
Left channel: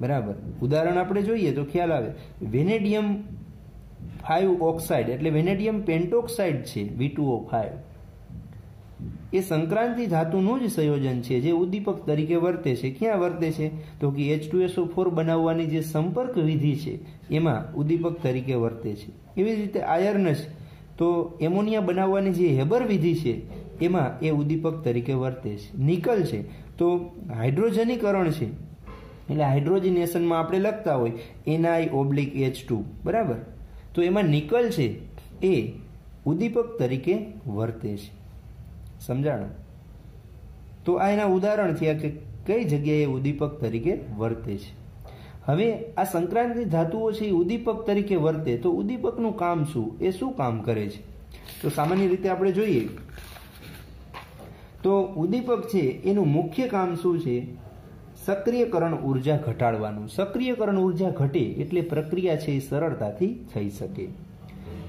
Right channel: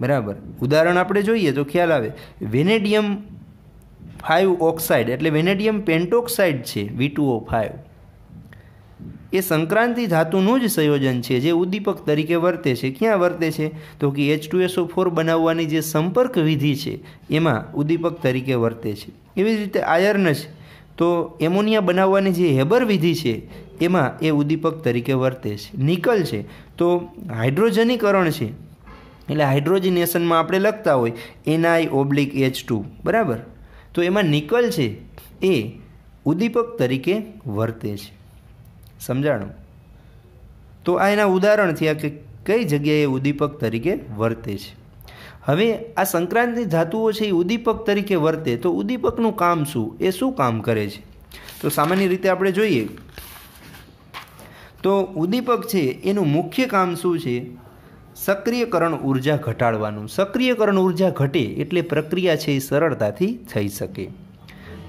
બરાબર. ઉદાહરણ આપણે જોઈએ તો ખ્યાલ આવે. વેનેડિયમ 5 ઓક્સાઇડ એટલે વેનેડિયમ પેન્ટોક્સાઇડ છે V2O5, એ સંક્રાંતિ ધાતુનું જ સંયોજન છે જે ઉદ્દીપક તરીકે વર્તે છે. ક્યાં વર્તે છે? તો કે H2SO4 બનાવવાની જે સંપર્ક વિધિ છે એમાં ઉદ્દીપક તરીકે વર્તે છે. એવી જ રીતે આયર્ન છે તો એમોનિયા બનાવવાની જે હેબર વિધિ છે એમાં એ ઉદ્દીપક તરીકે વર્તે છે. નિકલ છે તો હાઇડ્રોજનીકરણ છે એટલે હાઇડ્રોજનેશનમાં આપણે લખતા હોય Ni/H2, બરાબર. તો એમાં નિકલ છે એ ઉદ્દીપક તરીકે વર્તે છે. સમજાણું? તો આ એના ઉદાહરણ થયા કે કઈ જગ્યાએ ઉદ્દીપક તરીકે વર્તે છે. હવે આ સંક્રાંતિ ધાતુઓ છે એ ઉદ્દીપક તરીકે વર્તે તો ઉદ્દીપકનું કામ શું? એ શું કામ કરે છે? તો સામાન્ય રીતે આપણે જોઈએ તો ઉદ્દીપક છે એનું મુખ્ય કામ શું છે? સક્રિયકરણ ઉર્જા ઘટાડવાનું. સક્રિયકરણ ઉર્જા ઘટે એટલે પ્રક્રિયા છે એ સરળતાથી થઈ શકે.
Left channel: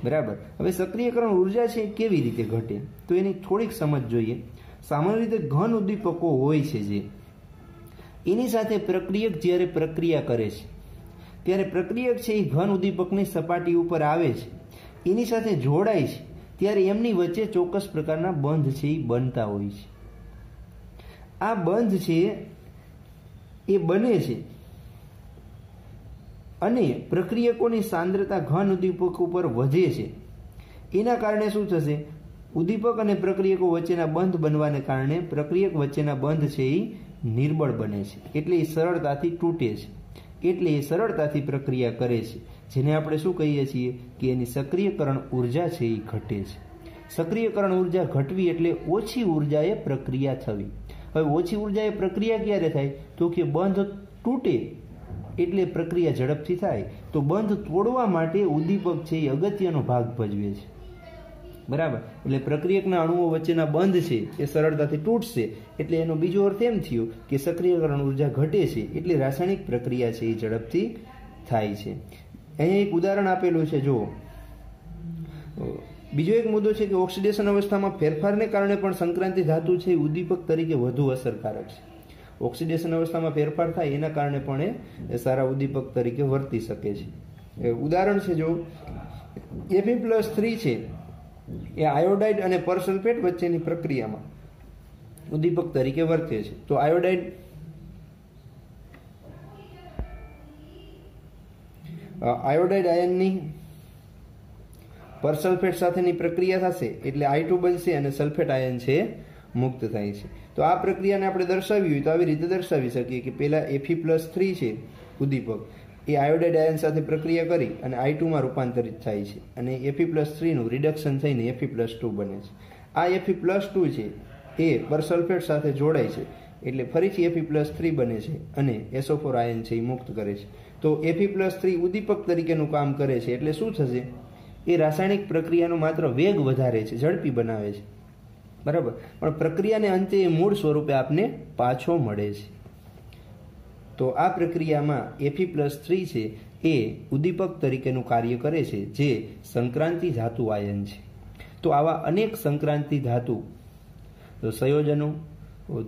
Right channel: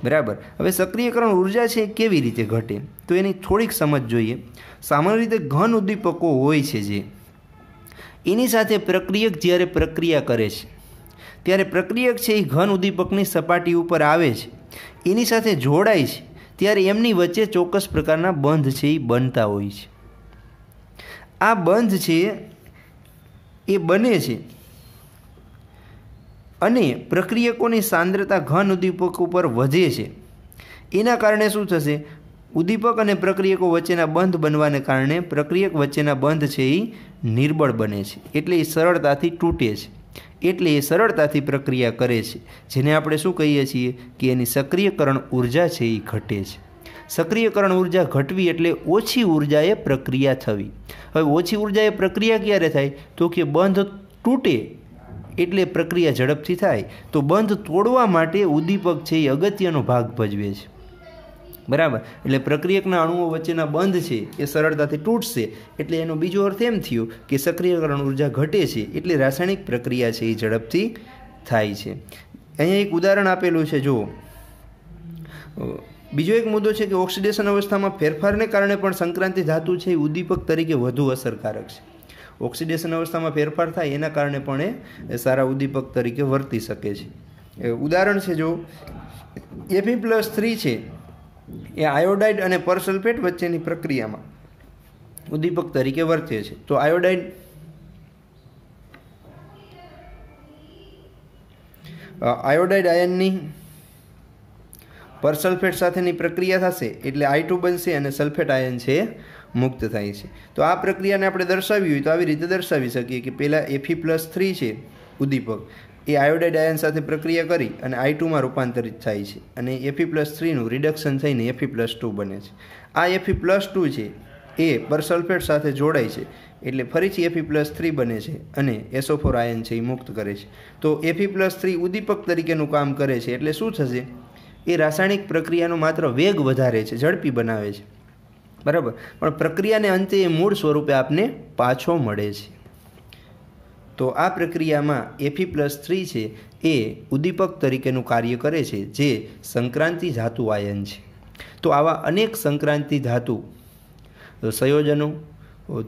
બરાબર. હવે સક્રિયકરણ ઉર્જા છે કેવી રીતે ઘટે તો એની થોડીક સમજ જોઈએ. સામાન્ય રીતે ઘન ઉદ્દીપકો હોય છે જે એની સાથે પ્રક્રિયક જ્યારે પ્રક્રિયા કરે છે ત્યારે પ્રક્રિયક છે એ ઘન ઉદ્દીપકની સપાટી ઉપર આવે છે, એની સાથે જોડાય છે, ત્યારે એમની વચ્ચે ચોક્કસ પ્રકારના બંધ છે એ બનતા હોય છે. આ બંધ છે એ બને છે અને પ્રક્રિયકોની સાંદ્રતા ઘન ઉદ્દીપક ઉપર વધે છે. એના કારણે શું થશે? ઉદ્દીપક અને પ્રક્રિયકો વચ્ચેના બંધ બનવાને કારણે પ્રક્રિયક વચ્ચેના બંધ છે એ નિર્બળ બને છે, એટલે એ સરળતાથી તૂટે છે, એટલે એ સરળતાથી પ્રક્રિયા કરે છે, જેને આપણે શું કહીએ છીએ કે એની સક્રિયકરણ ઉર્જા છે એ ઘટે છે. સક્રિયકરણ ઉર્જા ઘટવી એટલે ઓછી ઉર્જાએ પ્રક્રિયા થવી. હવે ઓછી ઉર્જાએ પ્રક્રિયા ક્યારે થાય? તો કે બંધ તૂટે એટલે પ્રક્રિયા ઝડપથી થાય. તો બંધ તોડવા માટે ઉદ્દીપક છે એ અગત્યનો ભાગ ભજવે છે. બરાબર. એટલે પ્રક્રિયકના અણુઓ વચ્ચેના બંધ છે એ સરળતાથી તૂટશે એટલે એનો બીજો અર્થ એમ થયો કે સક્રિયકરણ ઉર્જા ઘટે છે એટલે રાસાયણિક પ્રક્રિયા છે એ ઝડપથી થાય છે. અહીંયા એક ઉદાહરણ આપેલું છે જુઓ. બીજો એક મુદ્દો છે કે ઓક્સિડેશન અવસ્થામાં ફેરફારને કારણે પણ સંક્રાંતિ ધાતુ છે એ ઉદ્દીપક તરીકે વધુ અસરકારક છે. ઓક્સિડેશન અવસ્થામાં ફેરફાર થાય એના કારણે પણ એ સારા ઉદ્દીપક તરીકે વર્તી શકે છે. ઉદાહરણ છે જો Fe+3 છે એ આયોડાઇડ અને પરસલ્ફેટ વચ્ચેની પ્રક્રિયામાં ઉદ્દીપક તરીકે વર્તે છે. તો આયોડાઇડ આયનની પરસલ્ફેટ સાથેની પ્રક્રિયા થશે એટલે I2 બનશે અને સલ્ફેટ આયન છે મુક્ત થાય છે. તો આ પ્રક્રિયાને આપણે દર્શાવી હોય તો આવી રીતે દર્શાવી શકીએ કે પહેલાં Fe+3 છે ઉદ્દીપક એ આયોડાઇડ આયન સાથે પ્રક્રિયા કરી અને I2માં રૂપાંતરિત થાય છે અને Fe+3નું રિડક્શન થઈને Fe+2 બને છે. આ Fe+2 છે એ પરસલ્ફેટ સાથે જોડાય છે એટલે ફરીથી Fe+3 બને છે અને SO4 આયન છે એ મુક્ત કરે છે. તો Fe+3 ઉદ્દીપક તરીકેનું કામ કરે છે એટલે શું થશે? એ રાસાયણિક પ્રક્રિયાનો માત્ર વેગ વધારે છે, ઝડપી બનાવે છે. બરાબર. પણ પ્રક્રિયાને અંતે એ મૂળ સ્વરૂપે આપને પાછો મળે છે. તો આ પ્રક્રિયામાં Fe+3 છે એ ઉદ્દીપક તરીકેનું કાર્ય કરે છે જે સંક્રાંતિ ધાતુ આયન છે. તો આવા અનેક સંક્રાંતિ ધાતુ સંયોજનો,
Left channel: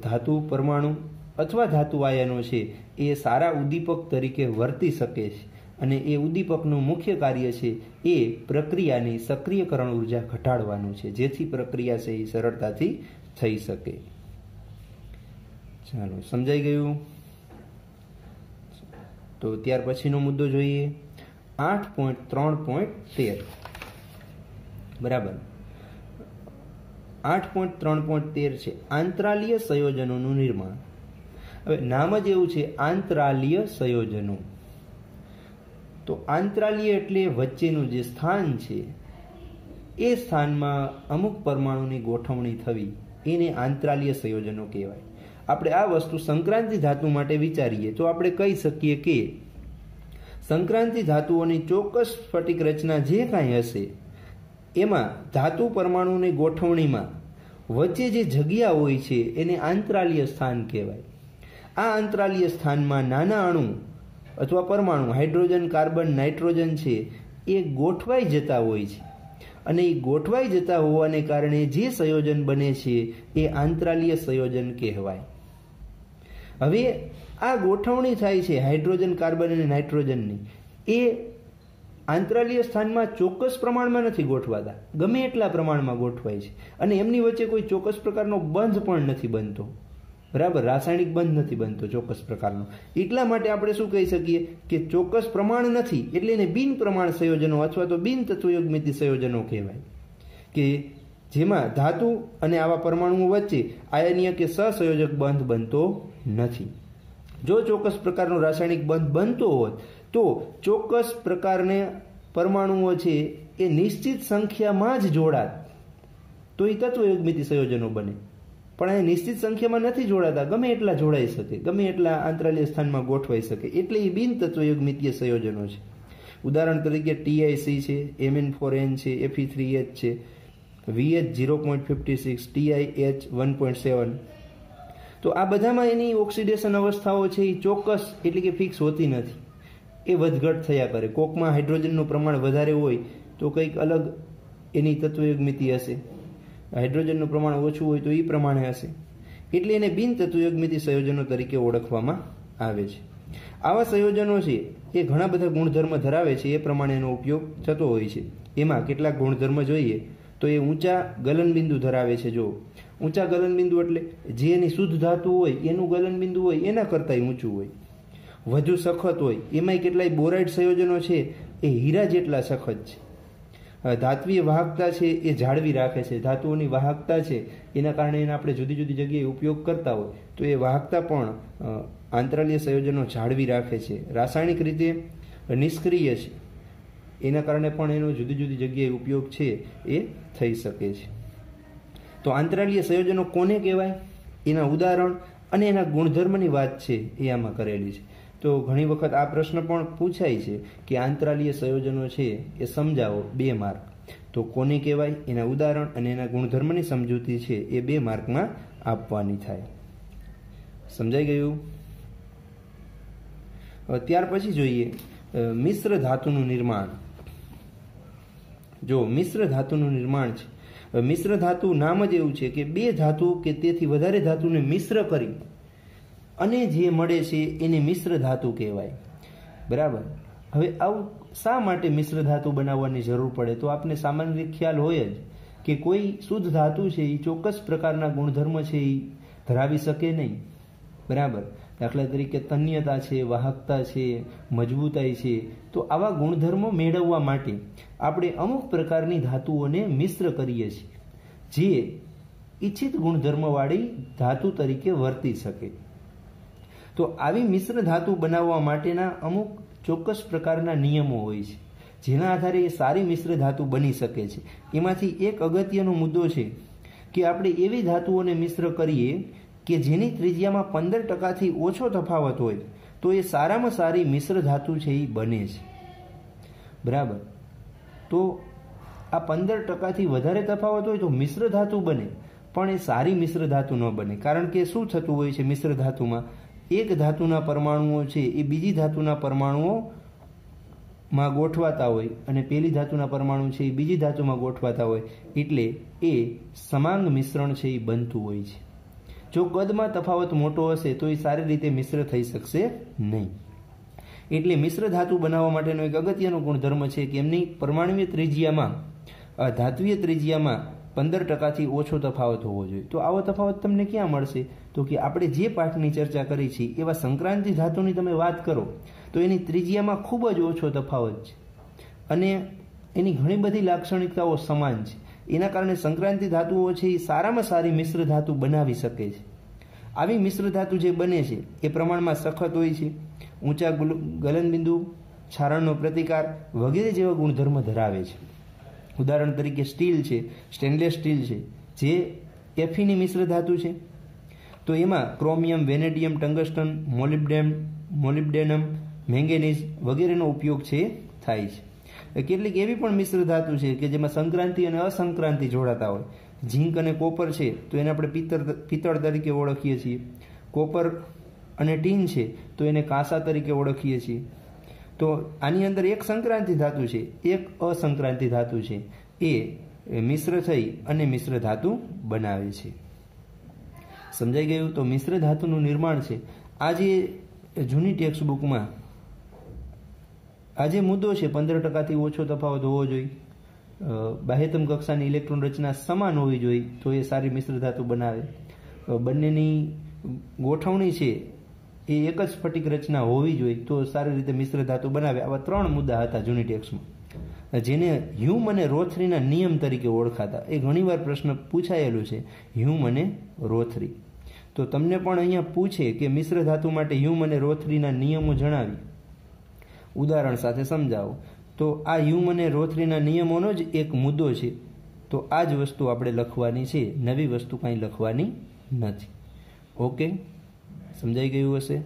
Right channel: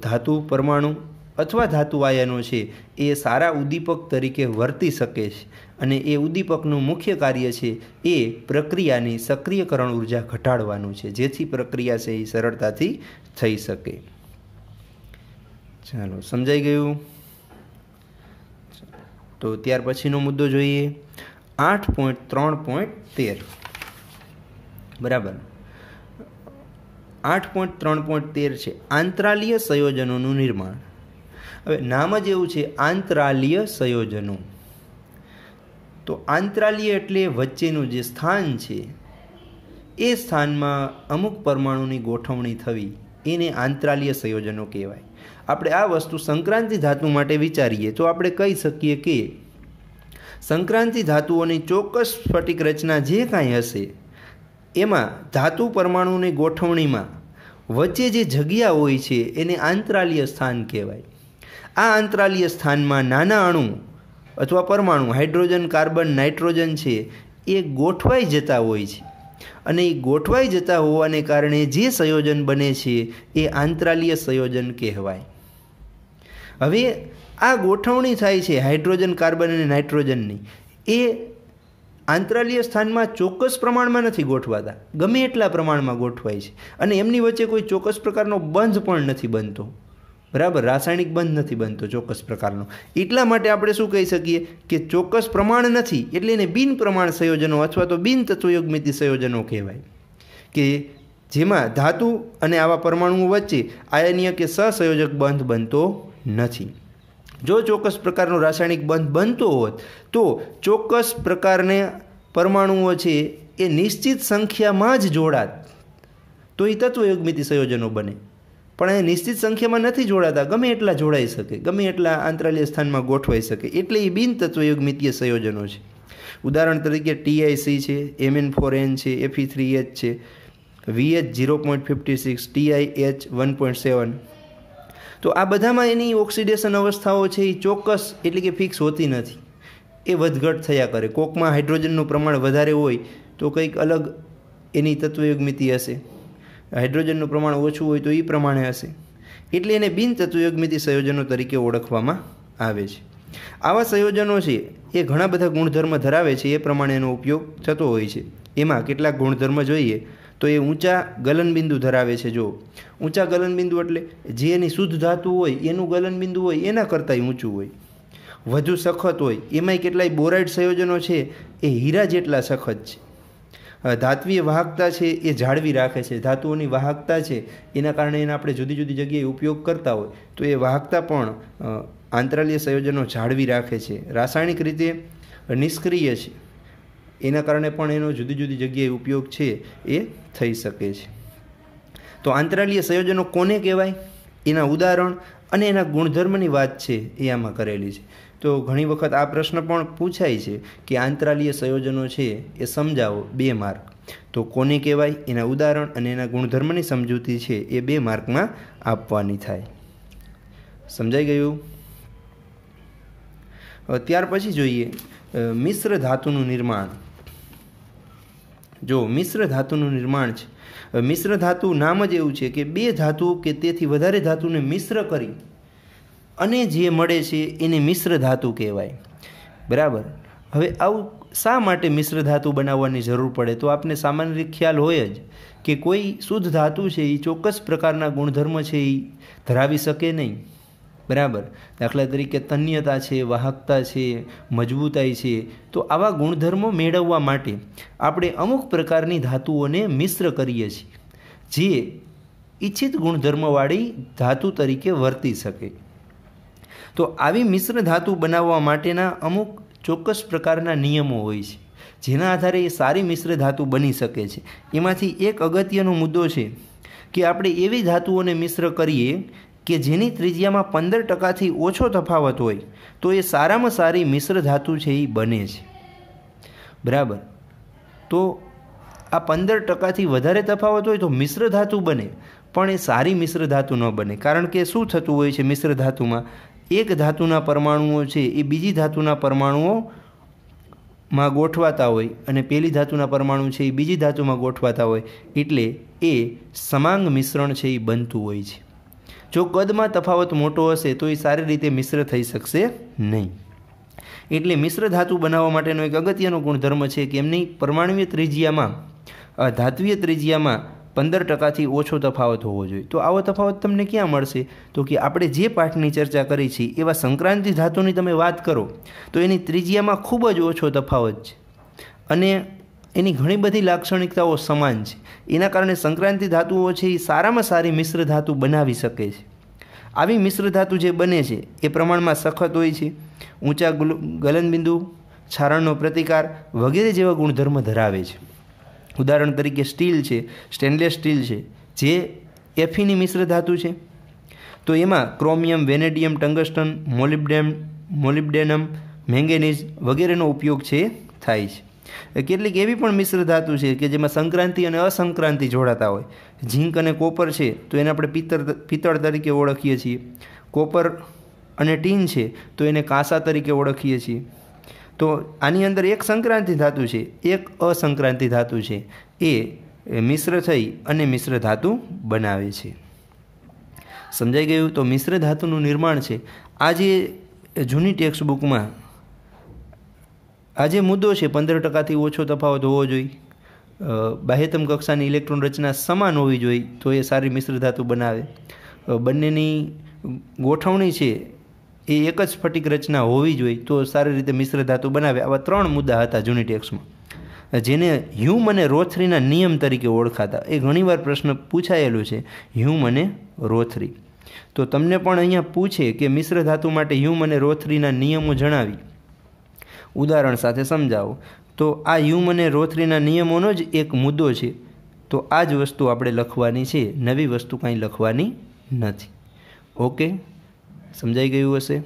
ધાતુ પરમાણુ અથવા ધાતુ આયનો છે એ સારા ઉદ્દીપક તરીકે વર્તી શકે છે અને એ ઉદ્દીપકનું મુખ્ય કાર્ય છે એ પ્રક્રિયાની સક્રિયકરણ ઉર્જા ઘટાડવાનું છે જેથી પ્રક્રિયા છે એ સરળતાથી થઈ શકે. ચાલો, સમજાઈ ગયું? તો ત્યાર પછીનો મુદ્દો જોઈએ 8.3.13. બરાબર. 8.3.13 છે આંતરાલીય સંયોજનોનું નિર્માણ. હવે નામ જ એવું છે આંતરાલીય સંયોજનો. તો આંતરાલીય એટલે વચ્ચેનું જે સ્થાન છે એ સ્થાનમાં અમુક પરમાણુની ગોઠવણી થવી એને આંતરાલીય સંયોજનો કહેવાય. આપણે આ વસ્તુ સંક્રાંતિ ધાતુ માટે વિચારીએ તો આપણે કહી શકીએ કે સંક્રાંતિ ધાતુઓની ચોક્કસ સ્ફટિક રચના જે કાંઈ હશે એમાં ધાતુ પરમાણુની ગોઠવણીમાં વચ્ચે જે જગ્યા હોય છે એને આંતરાલીય સ્થાન કહેવાય. આ આંતરાલીય સ્થાનમાં નાના અણુ અથવા પરમાણુ હાઇડ્રોજન, કાર્બન, નાઇટ્રોજન છે એ ગોઠવાઈ જતા હોય છે અને એ ગોઠવાઈ જતા હોવાને કારણે જે સંયોજન બને છે એ આંતરાલીય સંયોજન કહેવાય. હવે આ ગોઠવણી થાય છે હાઇડ્રોજન, કાર્બન અને નાઇટ્રોજનની, એ આંતરાલીય સ્થાનમાં ચોક્કસ પ્રમાણમાં નથી ગોઠવાતા, ગમે એટલા પ્રમાણમાં ગોઠવાય છે અને એમની વચ્ચે કોઈ ચોક્કસ પ્રકારનો બંધ પણ નથી બનતો. બરાબર, રાસાયણિક બંધ નથી બનતો ચોક્કસ પ્રકારનો. એટલા માટે આપણે શું કહી શકીએ કે ચોક્કસ પ્રમાણ નથી એટલે એને બિન પ્રમાણ સંયોજનો અથવા તો બિન તત્વયુગ્મિતિ સંયોજનો કહેવાય, કે જેમાં ધાતુ અને આવા પરમાણુઓ વચ્ચે આયનીય કે સહસંયોજક બંધ બનતો નથી. જો ચોક્કસ પ્રકારનો રાસાયણિક બંધ બનતો હોત તો ચોક્કસ પ્રકારના પરમાણુઓ છે એ નિશ્ચિત સંખ્યામાં જ જોડાત તો એ તત્વયુગ્મિતિ સંયોજનો બને. પણ એ નિશ્ચિત સંખ્યામાં નથી જોડાતા, ગમે એટલા જોડાઈ શકે, ગમે એટલા આંતરાલીય સ્થાનમાં ગોઠવાઈ શકે, એટલે એ બિન તત્વયુગ્મિતીય સંયોજનો છે. ઉદાહરણ તરીકે TiC છે, Mn4n છે, Fe3H છે, VH 0.56, TiH 1.7. તો આ બધામાં એની ઓક્સિડેશન અવસ્થાઓ છે એ ચોક્કસ એટલે કે ફિક્સ હોતી નથી, એ વધઘટ થયા કરે. કોકમાં હાઇડ્રોજનનું પ્રમાણ વધારે હોય તો કંઈક અલગ એની તત્વયુગ્મિતિ હશે, હાઇડ્રોજનનું પ્રમાણ ઓછું હોય તો એ પ્રમાણે હશે, એટલે એને બિન તત્વયુગ્મિતિ સંયોજનો તરીકે ઓળખવામાં આવે છે. આવા સંયોજનો છે એ ઘણા બધા ગુણધર્મ ધરાવે છે, એ પ્રમાણે એનો ઉપયોગ થતો હોય છે. એમાં કેટલાક ગુણધર્મ જોઈએ તો એ ઊંચા ગલનબિંદુ ધરાવે છે. જો ઊંચા ગલનબિંદુ એટલે જે એની શુદ્ધ ધાતુ હોય એનું ગલનબિંદુ હોય એના કરતાંય ઊંચું હોય. વધુ સખત હોય, એમાંય કેટલાય બોરાઇડ સંયોજનો છે એ હીરા જેટલા સખત છે. ધાત્વીય વાહકતા છે એ જાળવી રાખે છે, ધાતુઓની વાહકતા છે એના કારણે એને આપણે જુદી જુદી જગ્યાએ ઉપયોગ કરતા હોય તો એ વાહકતા પણ આંતરાલીય સંયોજનો જાળવી રાખે છે. રાસાયણિક રીતે નિષ્ક્રિય છે એના કારણે પણ એનો જુદી જુદી જગ્યાએ ઉપયોગ છે એ થઈ શકે છે. તો આંતરાલીય સંયોજનો કોને કહેવાય, એના ઉદાહરણ અને એના ગુણધર્મની વાત છે એ આમાં કરેલી છે. તો ઘણી વખત આ પ્રશ્ન પણ પૂછાય છે કે આંતરાલીય સંયોજનો છે એ સમજાવો, 2 માર્ક. તો કોને કહેવાય, એના ઉદાહરણ અને એના ગુણધર્મની સમજૂતી છે એ 2 માર્કમાં આપવાની થાય. સમજાઈ ગયું? ત્યાર પછી જોઈએ મિશ્ર ધાતુનું નિર્માણ. જો મિશ્ર ધાતુનું નિર્માણ છે, મિશ્ર ધાતુ નામ જ એવું છે કે 2 ધાતુ કે તેથી વધારે ધાતુને મિશ્ર કરી અને જે મળે છે એને મિશ્ર ધાતુ કહેવાય. બરાબર. હવે આવું શા માટે મિશ્ર ધાતુ બનાવવાની જરૂર પડે? તો આપને સામાન્ય રીતે ખ્યાલ હોય જ કે કોઈ શુદ્ધ ધાતુ છે એ ચોક્કસ પ્રકારના ગુણધર્મ છે એ ધરાવી શકે નહીં. બરાબર. દાખલા તરીકે તન્યતા છે, વાહકતા છે, મજબૂતાઈ છે. તો આવા ગુણધર્મો મેળવવા માટે આપણે અમુક પ્રકારની ધાતુઓને મિશ્ર કરીએ છીએ જે ઈચ્છિત ગુણધર્મવાળી ધાતુ તરીકે વર્તી શકે. તો આવી મિશ્ર ધાતુ બનાવવા માટેના અમુક ચોક્કસ પ્રકારના નિયમો હોય છે જેના આધારે એ સારી મિશ્ર ધાતુ બની શકે છે. એમાંથી એક અગત્યનો મુદ્દો છે કે આપણે એવી ધાતુઓને મિશ્ર કરીએ કે જેની ત્રિજ્યામાં 15%થી ઓછો તફાવત હોય તો એ સારામાં સારી મિશ્ર ધાતુ છે એ બને છે. બરાબર. તો આ 15%થી વધારે તફાવત હોય તો મિશ્ર ધાતુ બને, પણ એ સારી મિશ્ર ધાતુ ન બને. કારણ કે શું થતું હોય છે મિશ્ર ધાતુમાં, એક ધાતુના પરમાણુઓ છે એ બીજી ધાતુના પરમાણુઓમાં ગોઠવાતા હોય અને પેલી ધાતુના પરમાણુ છે એ બીજી ધાતુમાં ગોઠવાતા હોય, એટલે એ સમાંગ મિશ્રણ છે એ બનતું હોય છે. જો કદમાં તફાવત મોટો હશે તો એ સારી રીતે મિશ્ર થઈ શકશે નહીં. એટલે મિશ્ર ધાતુ બનાવવા માટેનો એક અગત્યનો ગુણધર્મ છે કે એમની પરમાણુય ત્રિજ્યામાં, ધાત્વીય ત્રિજ્યામાં 15%થી ઓછો તફાવત હોવો જોઈએ. તો આવો તફાવત તમને ક્યાં મળશે? તો કે આપણે જે પાઠની ચર્ચા કરી છે એવા સંક્રાંતિ ધાતુની તમે વાત કરો તો એની ત્રિજ્યામાં ખૂબ જ ઓછો તફાવત છે અને એની ઘણી બધી લાક્ષણિકતાઓ સમાન છે. એના કારણે સંક્રાંતિ ધાતુઓ છે એ સારામાં સારી મિશ્ર ધાતુ બનાવી શકે છે. આવી મિશ્ર ધાતુ જે બને છે એ પ્રમાણમાં સખત હોય છે, ઊંચા ગલનબિંદુ, છારણનો પ્રતિકાર વગેરે જેવા ગુણધર્મ ધરાવે છે. ઉદાહરણ તરીકે સ્ટીલ છે, સ્ટેનલેસ સ્ટીલ છે, જે Fe મિશ્ર ધાતુ છે. તો એમાં chromium, vanadium, tungsten, molybdenum, manganese વગેરેનો ઉપયોગ છે થાય છે. કેટલીક એવી પણ મિશ્ર ધાતુ છે કે જેમાં સંક્રાંતિ અને અસંક્રાંતિ જોડાતા હોય. ઝીંક અને કોપર છે તો એને આપણે પિત્તળ તરીકે ઓળખીએ છીએ. કોપર અને ટીન છે તો એને કાંસા તરીકે ઓળખીએ છીએ. તો આની અંદર એક સંક્રાંતિ ધાતુ છે, એક અસંક્રાંતિ ધાતુ છે, એ મિશ્ર થઈ અને મિશ્ર ધાતુ બનાવે છે. સમજાઈ ગયું? તો મિશ્ર ધાતુનું નિર્માણ છે આ જે જૂની ટેક્સ્ટ બુકમાં આ જે મુદ્દો છે 15%થી ઓછો તફાવત હોવો જોઈએ, બાહ્યતમ કક્ષાની ઇલેક્ટ્રોન રચના સમાન હોવી જોઈએ તો એ સારી મિશ્ર ધાતુ બનાવે, બંનેની ગોઠવણી છે એ એક જ સ્ફટિક રચના હોવી જોઈએ તો સારી રીતે મિશ્ર ધાતુ બનાવે. આવા 3 મુદ્દા હતા જૂની ટેક્સ્ટમાં, જેને હ્યુમ અને રોથરીના નિયમ તરીકે ઓળખાતા. એ ઘણીવાર પ્રશ્ન પૂછાયેલું છે, હ્યુમ અને રોથરી. તો તમને પણ અહીંયા પૂછે કે મિશ્ર ધાતુ માટે હ્યુમ અને રોથરીના નિયમો જણાવી ઉદાહરણ સાથે સમજાવો. તો આ હ્યુમ અને રોથરીના નિયમોનો જ એક મુદ્દો છે. તો આ જ વસ્તુ આપણે લખવાની છે, નવી વસ્તુ કાંઈ લખવાની નથી. ઓકે, સમજાઈ ગયું હશે?